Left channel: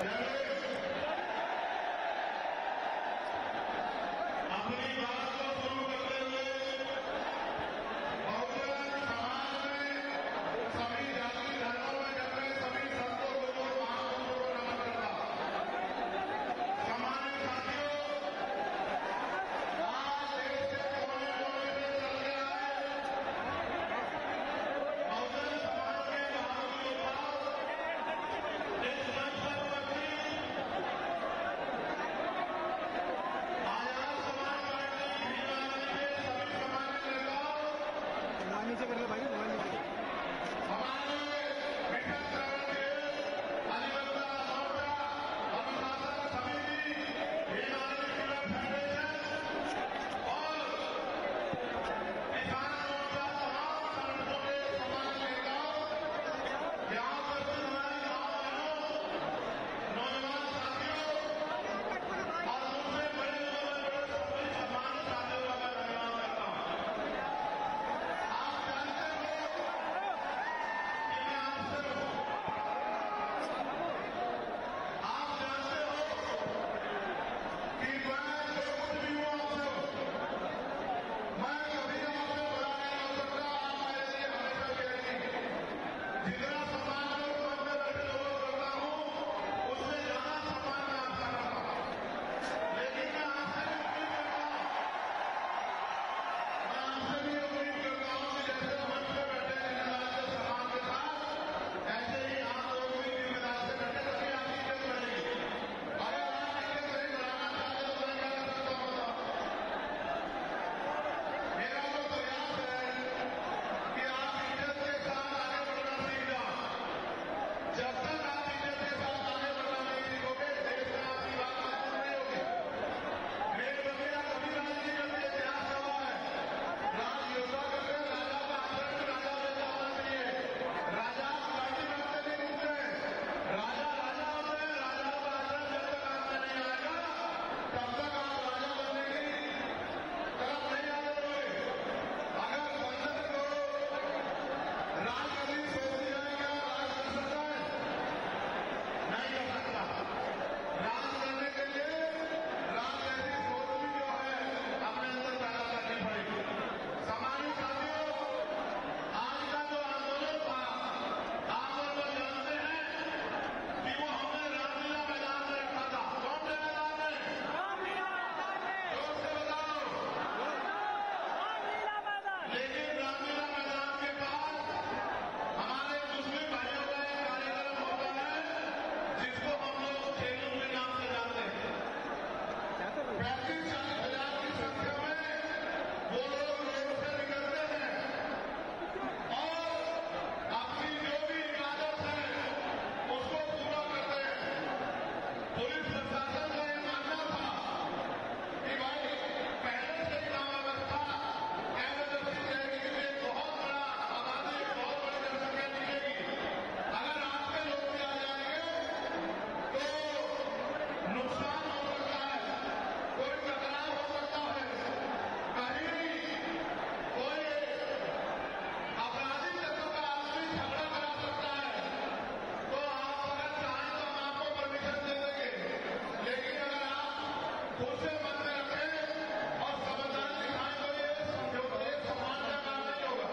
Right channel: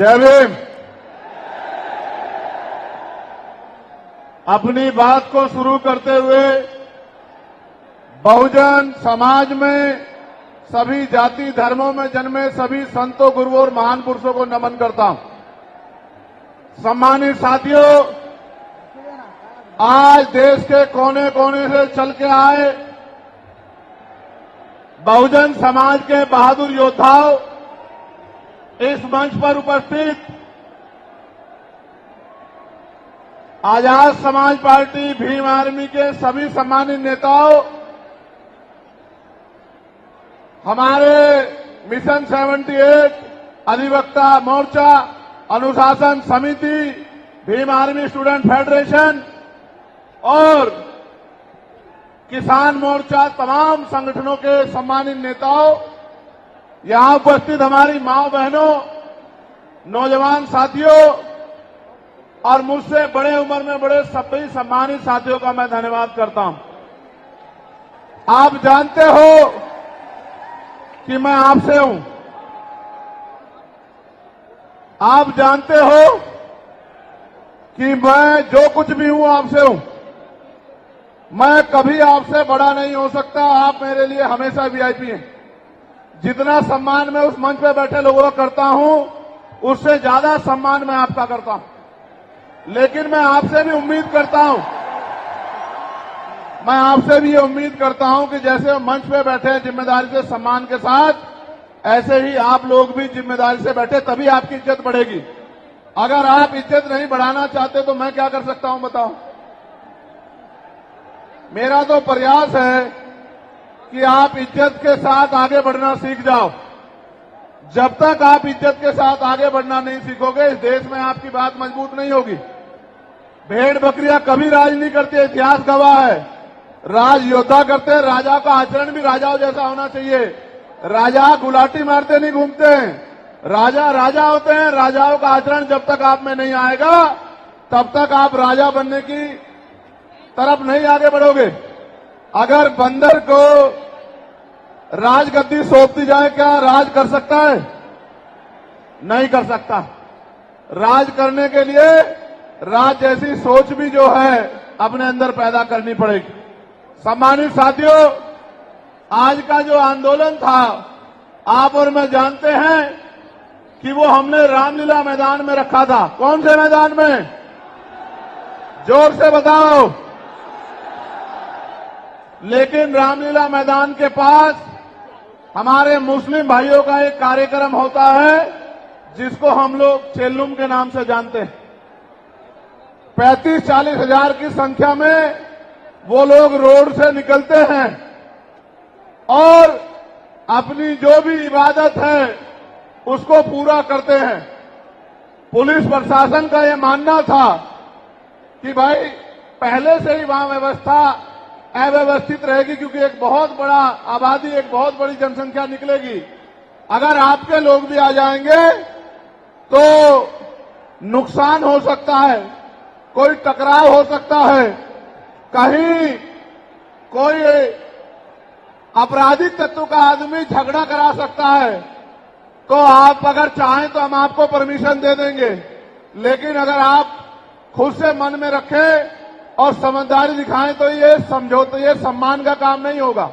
जय भीम। अपनी बात को शुरू करते हुए बहुजन समाज में सभी जाति धर्मों में जन्मे सभी संतों, गुरुओं और महान पुरुषों को नमन करता हूं। सम्मानित साथियों, आज देश के कोने कोने से चल के आए बहुजन समाज के बहादुर योद्धाओं, इस मंच पर उपस्थित आजाद समाज पार्टी भीम आर्मी के सभी सम्मानित नेताओं, हमारे मिशन 78 अधिवक्ता मोर्चा, अनुशासन समिति, भीम आर्मी स्टूडेंट फेडरेशन और किसान मोर्चा, तमाम संगठनों के सम्मानित नेताओं, यहां उपस्थित हमारी माओ बहनों, नौजवान साथियों और मुझसे बड़े उम्र में बड़े सभी सम्मानित साथियों का मैं धन्यवाद करता हूं। आप जानते हो कि मैं आपसे हूं। आप जानते हो कि मैं जो कुछ भी हूं आपसे हूं। मैं कभी आपसे बड़ा नहीं हो सकता। आप मेरे लिए हमेशा वीआईपी हैं। जितना सम्मान मैं उस मंच पे बैठे लोगों का करता हूं, उससे ज्यादा सम्मान मैं आपका करता हूं। लेकिन मैं आपसे भी उम्मीद करता हूं, मैं आपसे भी ये उम्मीद करता हूं कि जैसे मंच पे बैठे हैं जिम्मेदारी से, सम्मान के साथ, ऐसे ही आप लोग भी जिम्मेदारी से बैठे, तभी आपकी इज्जत बढ़ेगी। अगर आप इज्जत नहीं बढ़ाना चाहते तो मैं क्या कर सकता हूं बताओ। मेरा तो प्रयास है कि आप इज्जत के साथ आगे बढ़ना सीख जाओ। जब तक आप इज्जत के साथ आगे बढ़ना नहीं सीखोगे, इस देश में आपकी बात मजबूत नहीं होगी। भेड़ बकरियां कभी राज नहीं करती, इतिहास गवाह है। राज योद्धा करते हैं। राजा का आचरण भी राजाओं जैसा होना चाहिए। राजा गुलाटी मारते नहीं घूमते हैं। राजा राजा होते हैं। राजाओं का आचरण जब तक आप में नहीं आएगा, तब तक आप राजा बनने की तरफ नहीं आगे बढ़ोगे। अगर बंदर को राजगद्दी सौंप दी जाए, क्या राज कर सकता है? नहीं कर सकता। राज करने के लिए राज जैसी सोच भी जो है अपने अंदर पैदा करनी पड़ेगी। सम्मानित साथियों, आज का जो आंदोलन था, आप और मैं जानते हैं कि वो हमने रामलीला मैदान में रखा था। कौन से मैदान में? जोर से बताओ। लेकिन रामलीला मैदान के पास हमारे मुस्लिम भाइयों का एक कार्यक्रम होता है जिसको हम लोग चेल्लुम के नाम से जानते हैं। 35-40 हजार की संख्या में वो लोग रोड से निकलते हैं और अपनी जो भी इबादत है उसको पूरा करते हैं। पुलिस प्रशासन का ये मानना था कि भाई पहले से ही वहां व्यवस्था अव्यवस्थित रहेगी, क्योंकि एक बहुत बड़ा आबादी, एक बहुत बड़ी जनसंख्या निकलेगी। अगर आपके लोग भी आ जाएंगे तो नुकसान हो सकता है, कोई टकराव हो सकता है, कहीं कोई आपराधिक तत्व का आदमी झगड़ा करा सकता है। तो आप अगर चाहें तो हम आपको परमिशन दे देंगे, लेकिन अगर आप खुद से मन में रखें और समझदारी दिखाएं तो ये समझौते, ये सम्मान का काम नहीं होगा।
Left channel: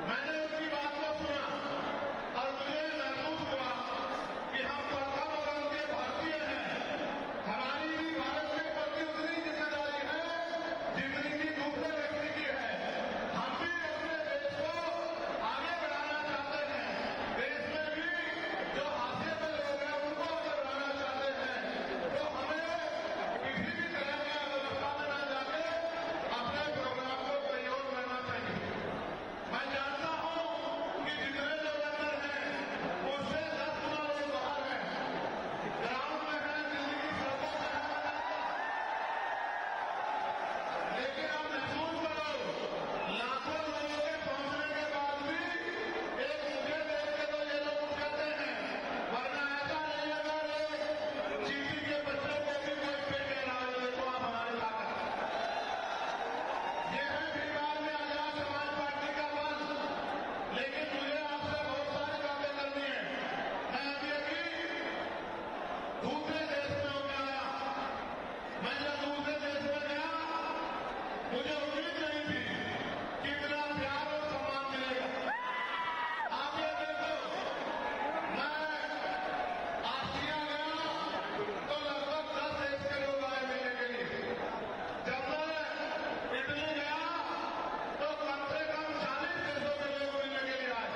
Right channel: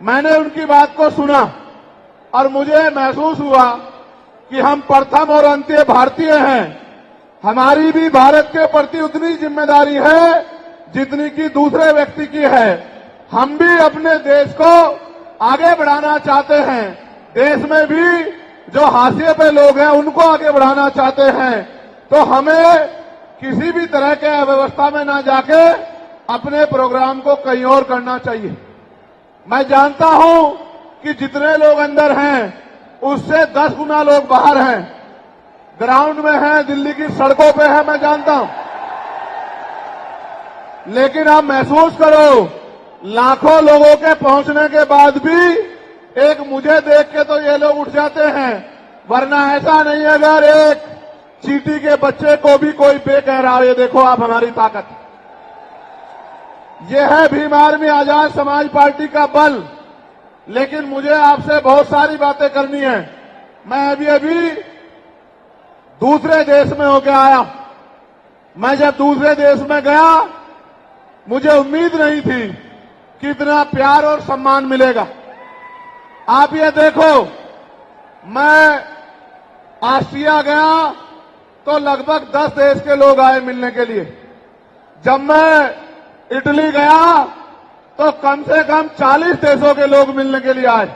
मैंने उनकी बात को सुना और मुझे महसूस हुआ कि हम प्रथम और अंत्य भारतीय हैं। हमारी भी भारत के प्रति उतनी जिम्मेदारी है जितनी कि दूसरे व्यक्ति की है। हम भी अपने देश को आगे बढ़ाना चाहते हैं। देश में भी जो हाशिए पे लोग हैं उनको आगे बढ़ाना चाहते हैं। तो हमें किसी भी तरह के अव्यवस्था में ना जाके अपने प्रोग्राम को कहीं और करना चाहिए। मैं जानता हूं कि जितने लोग अंदर हैं उससे 10 गुना लोग बाहर हैं, ग्राउंड में हैं, दिल्ली की सड़कों पे हैं, मैं जानता हूं। लेकिन आप महसूस करो, लाखों लोगों के पहुंचने के बाद भी एक मुझे देख के तो ये लोग उठ जाते हैं, वरना ऐसा नहीं है। अगर एक चींटी के बच्चे को भी कोई बे कह रहा है, ये देखो आप हमारी ताकत। ये है भीम आर्मी आजाद समाज पार्टी का बल। लेकिन मुझे आपसे बहुत सारी बातें करनी है। मैं अभी दूसरे देश में होके आया। मैं जब दूसरे देश में गया, मुझे उम्मीद नहीं थी कि इतना प्यार और सम्मान मिलेगा। आप ये देखो, मैं ऑस्ट्रिया गया तो लगभग 10 देश के लोग आए मिलने के लिए। जब मैं इटली गया तो कम से कम 40 देशों के लोग मिलने के लिए आए।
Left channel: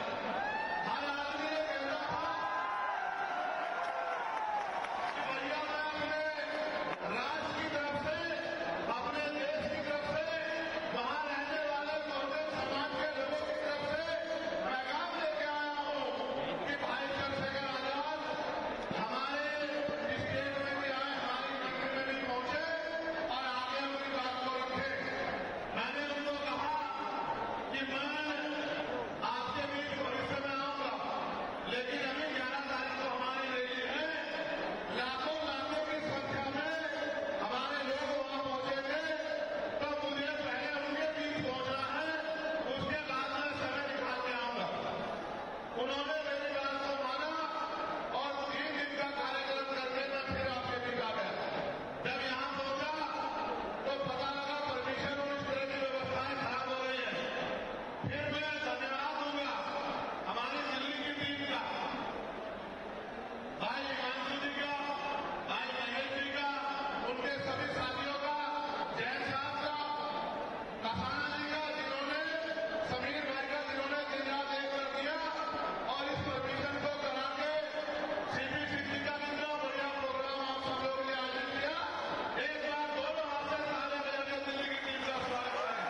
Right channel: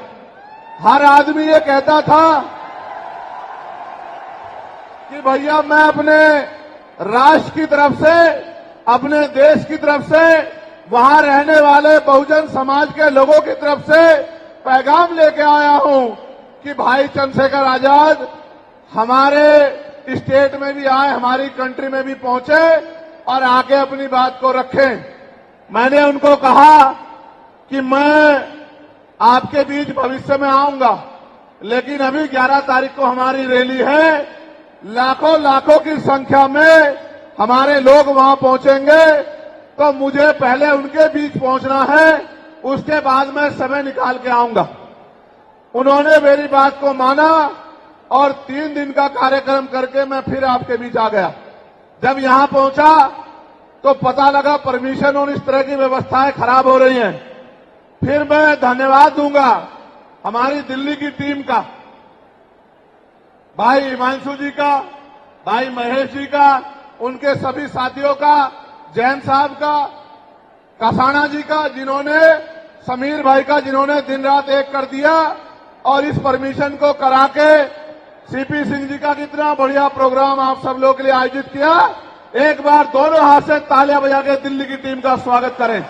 हर आदमी ये कहता था कि भैया मैं अपने राष्ट्र की तरफ से, अपने देश की तरफ से, वहां रहने वाले बहुजन समाज के लोगों की तरफ से पैगाम लेके आया हूं कि भाई चंद्रशेखर आजाद हमारे स्टेट में भी आए, हमारी कंट्री में भी पहुंचे और आगे अपनी बात को रखें। मैंने उनको कहा कि मैं आपके बीच भविष्य में आऊंगा, लेकिन अभी 11 तारीख को हमारी रैली है। लाखों लाखों की संख्या में हमारे लोग वहां पहुंचेंगे, तो मुझे पहले उनके बीच पहुंचना है, उसके बाद मैं समय निकाल के आऊंगा। उन्होंने मेरी बात को माना और 3 दिन का कार्यक्रम करके मैं फिर आपके बीच आ गया। जब यहां पहुंचा तो पता लगा परमिशन और इस तरह की व्यवस्थाएं खराब हो रही हैं। फिर मैं धन्यवाद दूंगा हमारी दिल्ली की टीम का, भाई हिमांशु जी का, भाई महेश जी का, उनके सभी साथियों का, जैन साहब का, कसाना जी का, जिन्होंने, समीर भाई का, जिन्होंने दिन रात एक कर दिया और इस परमिशन को करा के सीपी सिंह जी का कितना बढ़िया प्रोग्राम आप सब लोगों के लिए आयोजित किया। एक बार दोनों हाथ से तालियां बजा के दिल्ली की टीम का स्वागत करें।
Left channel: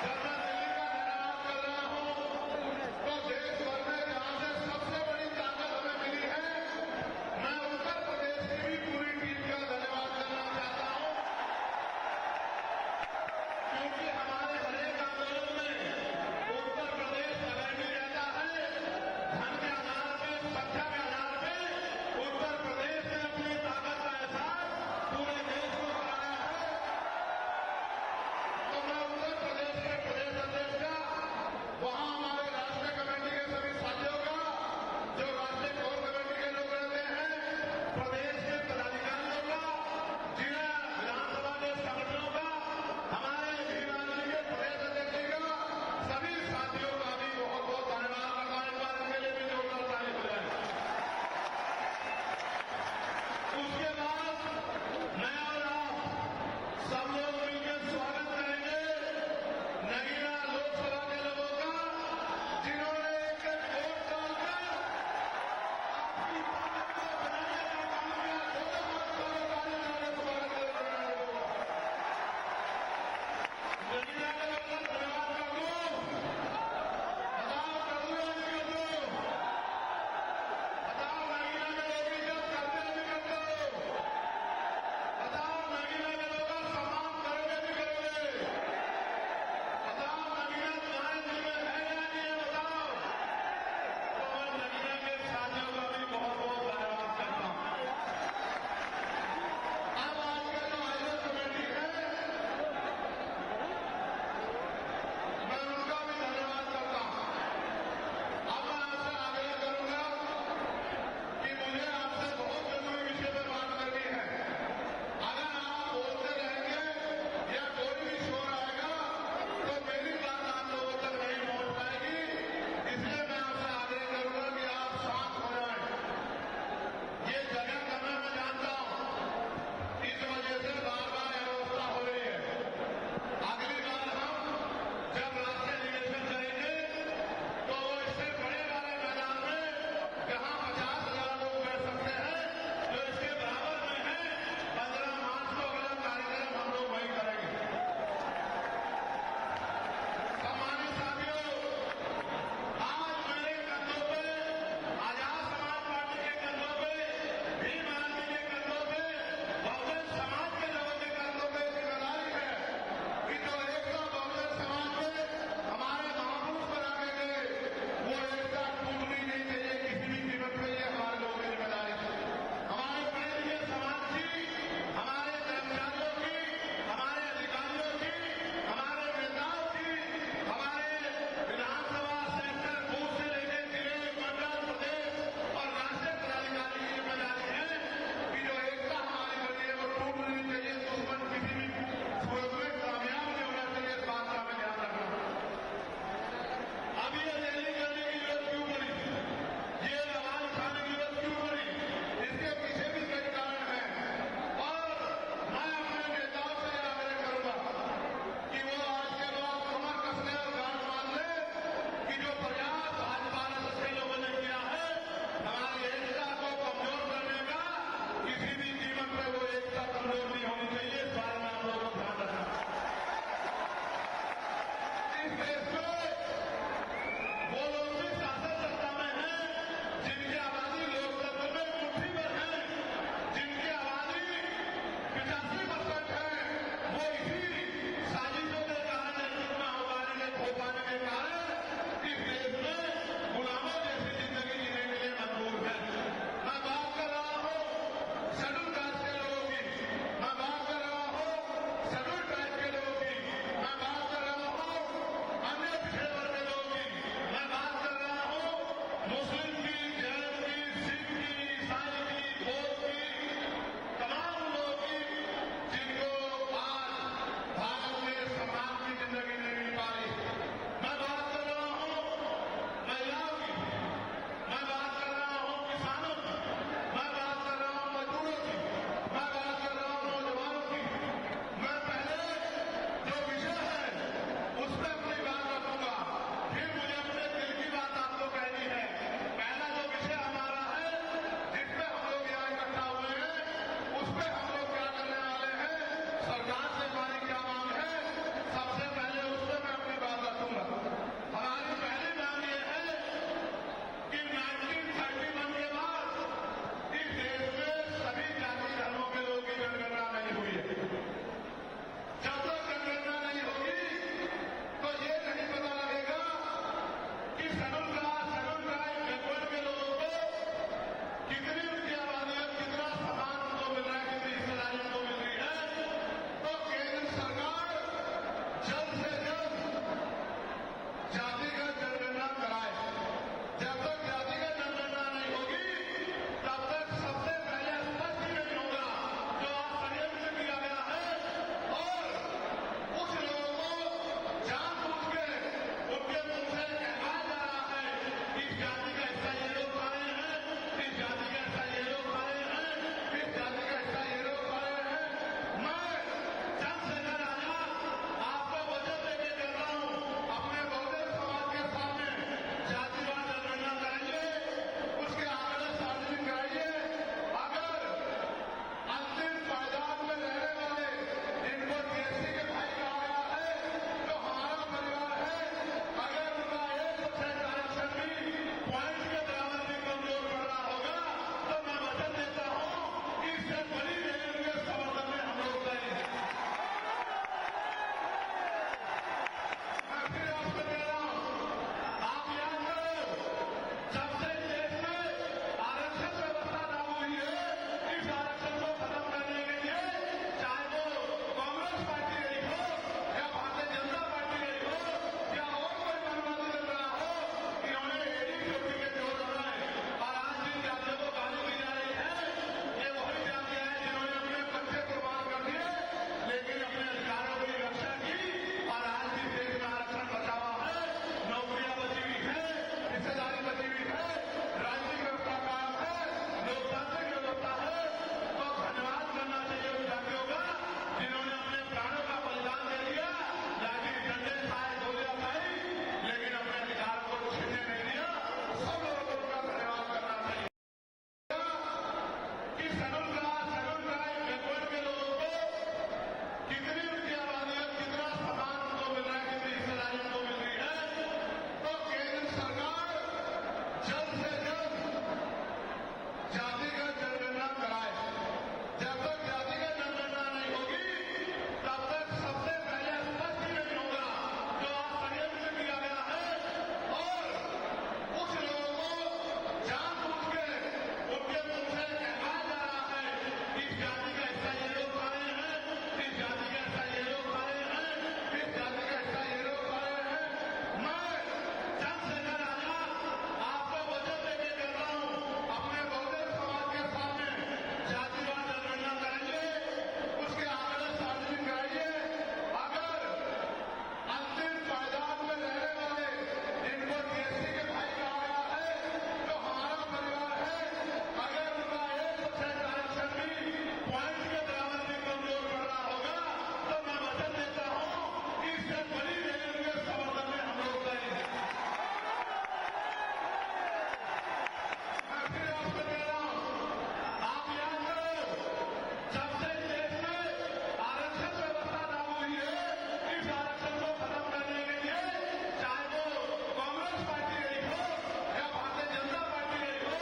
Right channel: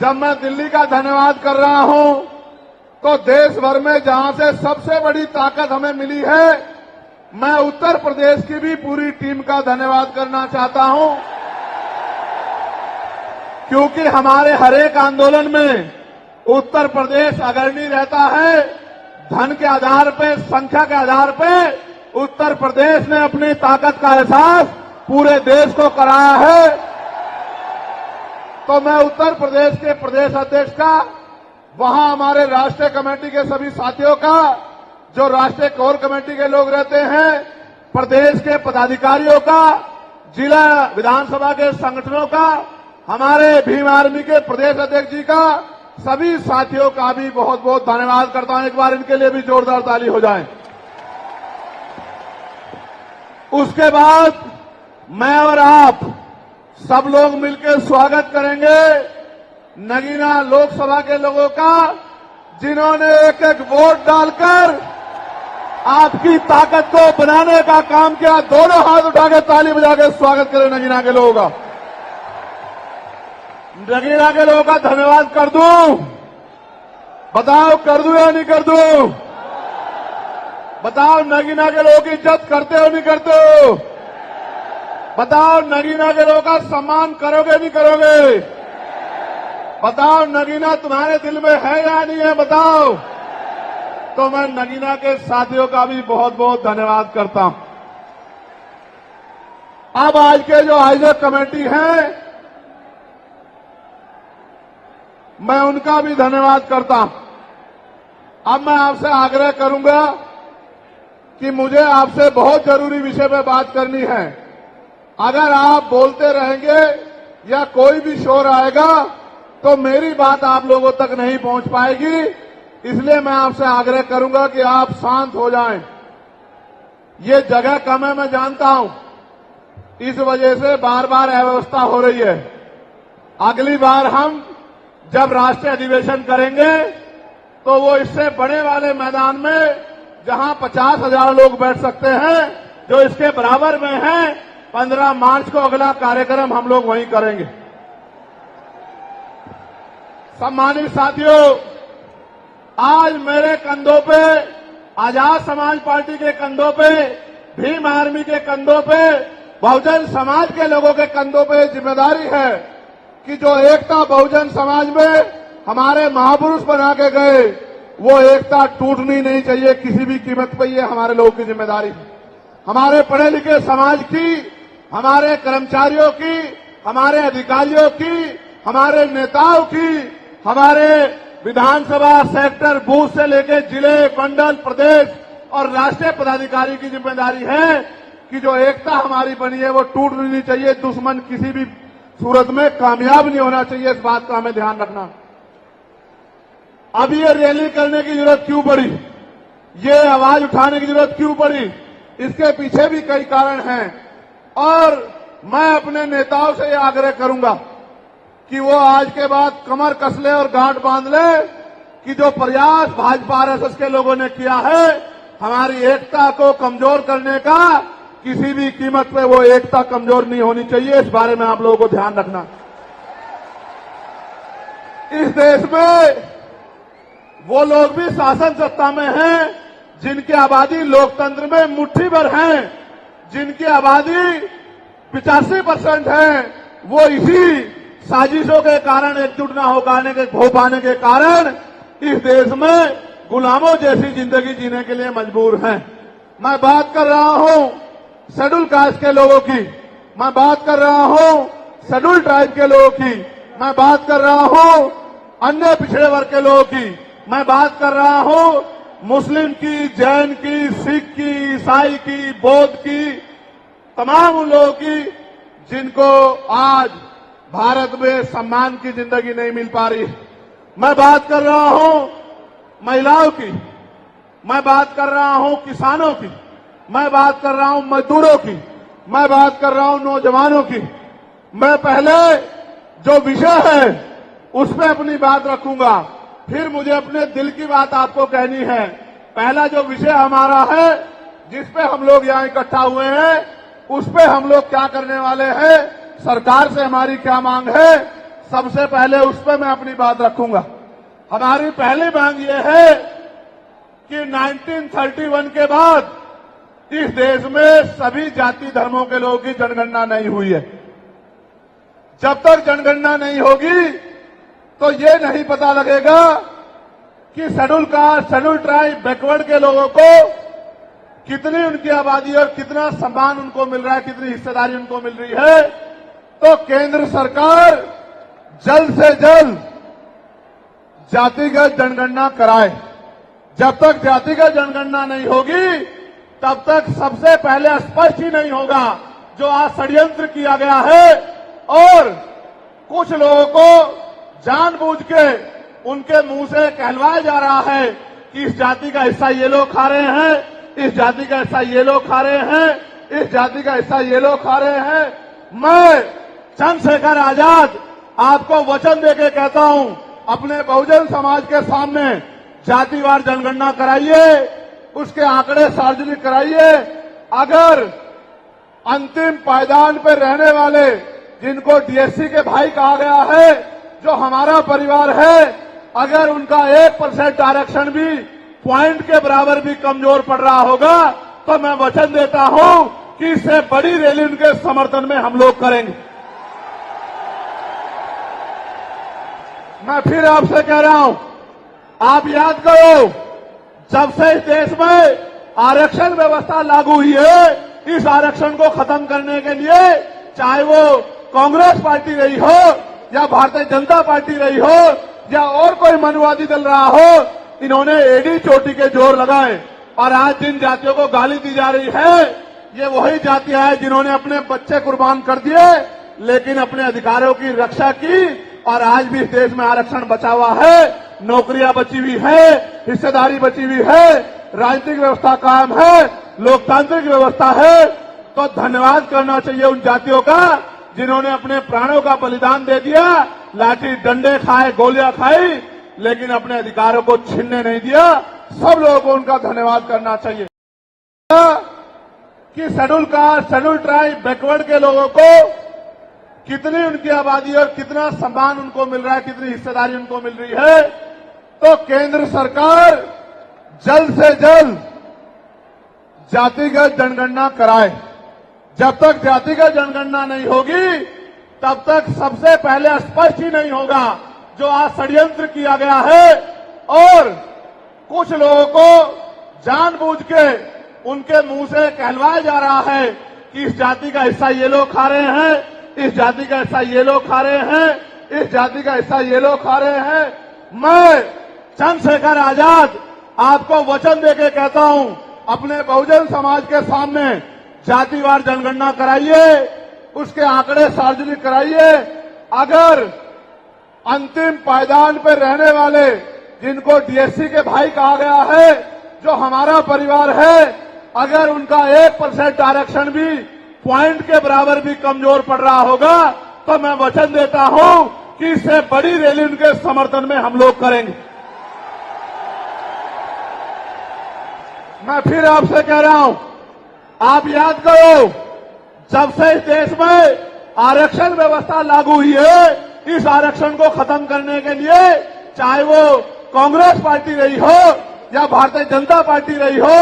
जब मैं दिल्ली का धन्यवाद कर रहा हूं तो देश भर में जहां से सबसे बड़ी ताकत हमें मिली है, मैं उत्तर प्रदेश की भी पूरी टीम का धन्यवाद करना चाहता हूं, क्योंकि हमारे हर एक आंदोलन में उत्तर प्रदेश अग्रणी रहता है। धन के आधार पे, संख्या के आधार पे उत्तर प्रदेश ने अपनी ताकत का एहसास पूरे देश को कराया है। तो मैं उत्तर प्रदेश के प्रदेश अध्यक्ष का, वहां हमारे राष्ट्रीय कमेटी के सभी साथियों का, जो राष्ट्रीय कोर कमेटी के लोग रहते हैं, प्रदेश के पदाधिकारियों का, जिला विधानसभा के संगठनों का, हमारे भीम आर्मी के प्रदेश अध्यक्ष जी का, सभी साथियों का भी बहुत बहुत धन्यवाद करता हूं। एक बार इनके लिए भी जोरदार ताली हो जाए। उसके बाद मैं और आप सब लोग मिलकर स्वागत करेंगे नगीना लोकसभा के लोगों का, जिन्होंने एक एक वोट डालकर आपकी ताकत को बनाने का काम किया। दोनों हाथ उठा के ताली बजा के स्वागत करें नगीना के लोगों का। नगीना के लोगों का धन्यवाद कर दूं? बताओ कर दूं या नहीं कर दूं? बताओ नगीना के लोगों की इज्जत करते हो नहीं करते हो? बताओ नगीना के लोगों का सम्मान करोगे नहीं करोगे? बताओ नगीना तुम्हारे दिल में है या नहीं है? बताओ। तो मैं नगीना के साथियों का भी बहुत बहुत धन्यवाद करता हूं। अब आज के जो आयोजक कमेटी है, मैं उनका भी धन्यवाद करता हूं। अब मैं आपसे आग्रह करूंगा कि मुझे आपसे बहुत जरूरी विषय पर बात करनी है। अगर आप बोलते रहेंगे या कोई भी शोर आएगा तो मेरी बात आप लोगों तक नहीं पहुंच पाएगी, इसलिए मैं आपसे आग्रह करूंगा कि आप शांत हो जाएं। ये जगह कम है, मैं जानता हूं, इस वजह से बार बार अव्यवस्था हो रही है। अगली बार हम जब राष्ट्रीय अधिवेशन करेंगे तो वो इससे बड़े वाले मैदान में, जहां 50,000 लोग बैठ सकते हैं, जो इसके बराबर में है, 15 मार्च को अगला कार्यक्रम हम लोग वहीं करेंगे। सम्मानित साथियों, आज मेरे कंधों पे, आजाद समाज पार्टी के कंधों पे, भीम आर्मी के कंधों पे, बहुजन समाज के लोगों के कंधों पे जिम्मेदारी है कि जो एकता बहुजन समाज में हमारे महापुरुष बना के गए, वो एकता टूटनी नहीं चाहिए किसी भी कीमत पर। ये हमारे लोगों की जिम्मेदारी है। हमारे पढ़े लिखे समाज की, हमारे कर्मचारियों की, हमारे अधिकारियों की, हमारे नेताओं की, हमारे विधानसभा सेक्टर बूथ से लेकर जिले, मंडल, प्रदेश और राष्ट्रीय पदाधिकारी की जिम्मेदारी है कि जो एकता हमारी बनी है वो टूट नहीं चाहिए। दुश्मन किसी भी सूरत में कामयाब नहीं होना चाहिए, इस बात का हमें ध्यान रखना। अब ये रैली करने की जरूरत क्यों पड़ी, ये आवाज उठाने की जरूरत क्यों पड़ी, इसके पीछे भी कई कारण हैं। और मैं अपने नेताओं से ये आग्रह करूंगा कि वो आज के बाद कमर कस ले और गांठ बांध ले कि जो प्रयास भाजपा आरएसएस के लोगों ने किया है हमारी एकता को कमजोर करने का, किसी भी कीमत पे वो एकता कमजोर नहीं होनी चाहिए। इस बारे में आप लोगों को ध्यान रखना। इस देश में वो लोग भी शासन सत्ता में हैं जिनकी आबादी लोकतंत्र में मुट्ठी भर हैं, जिनकी आबादी 85% है, वो इसी साजिशों के कारण एकजुट न हो पाने के कारण इस देश में गुलामों जैसी जिंदगी जीने के लिए मजबूर हैं। मैं बात कर रहा हूं शेड्यूल कास्ट के लोगों की, मैं बात कर रहा हूं शेड्यूल ट्राइब के लोगों की, मैं बात कर रहा हूं अन्य पिछड़े वर्ग के लोगों की, मैं बात कर रहा हूं मुस्लिम की, जैन की, सिख की, ईसाई की, बौद्ध की, तमाम उन लोगों की जिनको आज भारत में सम्मान की जिंदगी नहीं मिल पा रही। मैं बात कर रहा हूं महिलाओं की, मैं बात कर रहा हूं किसानों की, मैं बात कर रहा हूं मजदूरों की, मैं बात कर रहा हूं नौजवानों की। मैं पहले जो विषय है उस पर अपनी बात रखूंगा, फिर मुझे अपने दिल की बात आपको कहनी है। पहला जो विषय हमारा है जिस पे हम लोग यहाँ इकट्ठा हुए हैं, उस पे हम लोग क्या करने वाले हैं, सरकार से हमारी क्या मांग है, सबसे पहले उस पे मैं अपनी बात रखूंगा। हमारी पहली मांग ये है कि 1931 के बाद इस देश में सभी जाति धर्मों के लोगों की जनगणना नहीं हुई है। जब तक जनगणना नहीं होगी तो ये नहीं पता लगेगा कि schedule caste, schedule tribe, backward के लोगों को कितनी उनकी आबादी और कितना सम्मान उनको मिल रहा है, कितनी हिस्सेदारी उनको मिल रही है। तो केंद्र सरकार जल्द से जल्द जातिगत जनगणना कराए। जब तक जातिगत जनगणना नहीं होगी तब तक सबसे पहले स्पष्ट ही नहीं होगा जो आज षड्यंत्र किया गया है और कुछ लोगों को जानबूझ के उनके मुंह से कहलवाया जा रहा है कि इस जाति का हिस्सा ये लोग खा रहे हैं, इस जाति का हिस्सा ये लोग खा रहे हैं, इस जाति का हिस्सा ये लोग खा रहे हैं। मैं चंद्रशेखर आजाद आपको वचन देके कहता हूं, अपने बहुजन समाज के सामने जातिवार जनगणना कराइए, उसके आंकड़े सार्वजनिक कराइए। अगर अंतिम पायदान पर रहने वाले जिनको डीएससी के भाई कहा गया है, जो हमारा परिवार है, अगर उनका 1% आरक्षण भी पॉइंट के बराबर भी कमजोर पड़ रहा होगा तो मैं वचन देता हूं कि इससे बड़ी रैली उनके समर्थन में हम लोग करेंगे। मैं फिर आपसे कह रहा हूं, आप याद करो, जब से इस देश में आरक्षण व्यवस्था लागू हुई है, इस आरक्षण को खत्म करने के लिए चाहे वो कांग्रेस पार्टी रही हो या भारतीय जनता पार्टी रही हो या और कोई मनुवादी दल रहा हो, इन्होंने एडी चोटी के जोर लगाए। और आज जिन जातियों को गाली दी जा रही है, ये वही जातियां हैं जिन्होंने अपने बच्चे कुर्बान कर दिए लेकिन अपने अधिकारों की रक्षा की और आज भी इस देश में आरक्षण बचा हुआ है, नौकरियां बची हुई है, हिस्सेदारी बची हुई है, राजनीतिक व्यवस्था कायम है, लोकतांत्रिक व्यवस्था है। तो धन्यवाद करना चाहिए उन जातियों का जिन्होंने अपने प्राणों का बलिदान दे दिया, लाठी डंडे खाए, गोलियां खाई, लेकिन अपने अधिकारों को छीनने नहीं दिया। सब लोगों को उनका धन्यवाद करना चाहिए। कि schedule caste, schedule tribe, backward के लोगों को कितनी उनकी आबादी और कितना सम्मान उनको मिल रहा है, कितनी हिस्सेदारी उनको मिल रही है। तो केंद्र सरकार जल्द से जल्द जातिगत जनगणना कराए। जब तक जातिगत जनगणना नहीं होगी तब तक सबसे पहले स्पष्ट ही नहीं होगा जो आज षड्यंत्र किया गया है और कुछ लोगों को जानबूझ के उनके मुंह से कहलवाया जा रहा है कि इस जाति का हिस्सा ये लोग खा रहे हैं, इस जाति का हिस्सा ये लोग खा रहे हैं, इस जाति का हिस्सा ये लोग खा रहे हैं। मैं चंद्रशेखर आजाद आपको वचन देके कहता हूं, अपने बहुजन समाज के सामने जातिवार जनगणना कराइए, उसके आंकड़े सार्वजनिक कराइए। अगर अंतिम पायदान पर रहने वाले, जिनको डीएससी के भाई कहा गया है, जो हमारा परिवार है, अगर उनका 1% आरक्षण भी पॉइंट के बराबर भी कमजोर पड़ रहा होगा, तो मैं वचन देता हूं कि इससे बड़ी रैली उनके समर्थन में हम लोग करेंगे। मैं फिर आपसे कह रहा हूं, आप याद करो, जब से इस देश में आरक्षण व्यवस्था लागू हुई है, इस आरक्षण को खत्म करने के लिए चाहे वो कांग्रेस पार्टी रही हो या भारतीय जनता पार्टी रही हो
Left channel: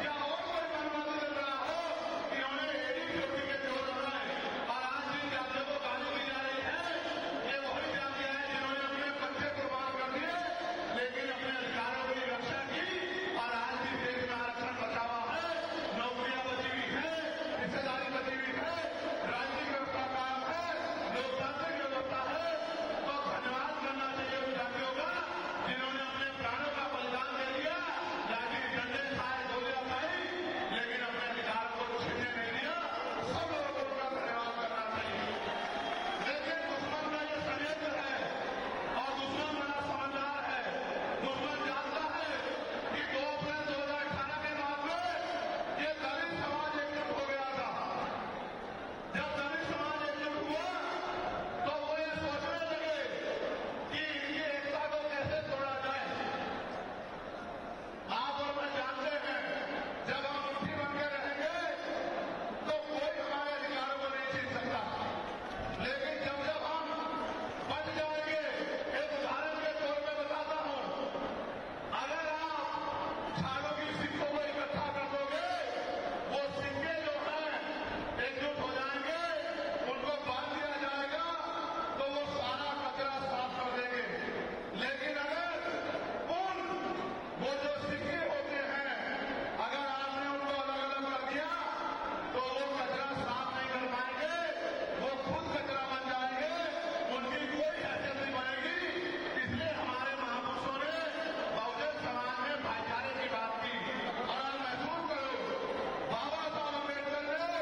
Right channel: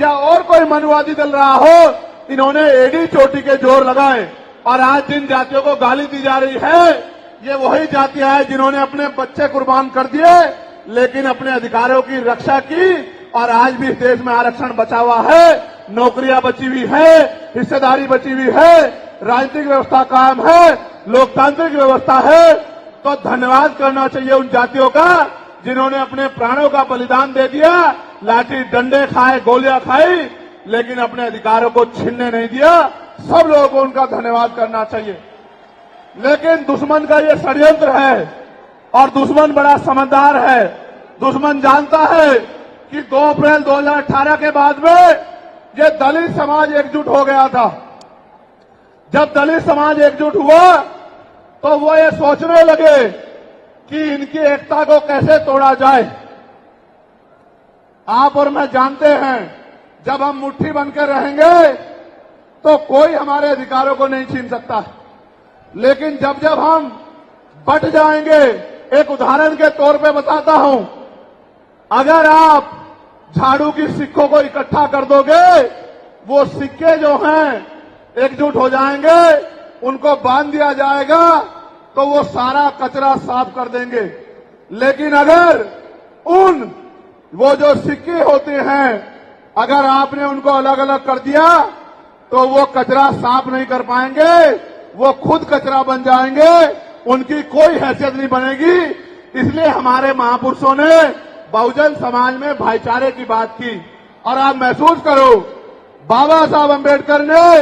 या और कोई मनुवादी दल रहा हो, इन्होंने एडी चोटी के जोर लगाए। और आज जिन जातियों को गाली दी जा रही है, ये वही जातियां हैं जिन्होंने अपने बच्चे कुर्बान कर दिए, लेकिन अपने अधिकारों की रक्षा की। और आज भी इस देश में आरक्षण बचा हुआ है, नौकरियां बची हुई है, हिस्सेदारी बची हुई है, राजनीतिक व्यवस्था कायम है, लोकतांत्रिक व्यवस्था है। तो धन्यवाद करना चाहिए उन जातियों का जिन्होंने अपने प्राणों का बलिदान दे दिया, लाठी डंडे खाए, गोलियां खाई, लेकिन अपने अधिकारों को छीनने नहीं दिया। सब लोगों को उनका धन्यवाद करना चाहिए। लेकिन दुश्मन का ये षड्यंत्र है और दुश्मन बड़ा समझदार है। दुश्मन जानता है कि 2 अप्रैल 2018 के बाद में ये दलित समाज एकजुट हो गया था। जब दलित समाज एकजुट हुआ तो वो ये सोचने लगे कि इनकी एकता को कैसे तोड़ा जाए। आप और मैं जानते हैं, जब हम मुट्ठी बनकर रहेंगे तो कोई हमारे अधिकारों को नहीं छीन सकता। लेकिन जब जब हम बट जाएंगे, एक उदाहरण के तौर पे बताता हूं, अगर आप झाड़ू की सिक्कों को इकट्ठा कर दोगे, वो सिक्के जो हैं एकजुट हो जाएंगे, उनको बांध दिया जाएगा तो वो सारा कचरा साफ कर देंगे। लेकिन अगर वो जो सिक्के होते हैं, अगर आपने उनको अलग अलग कर दिया तो वो कचरा साफ नहीं कर पाएंगे, वो खुद कचरा बन जाएंगे, उनकी कोई हैसियत नहीं बनेगी। इसलिए हमारे महापुरुषों ने बहुजन समाज में भाईचारे की बात की। और आप महसूस करो, बाबा साहब अम्बेडकर ने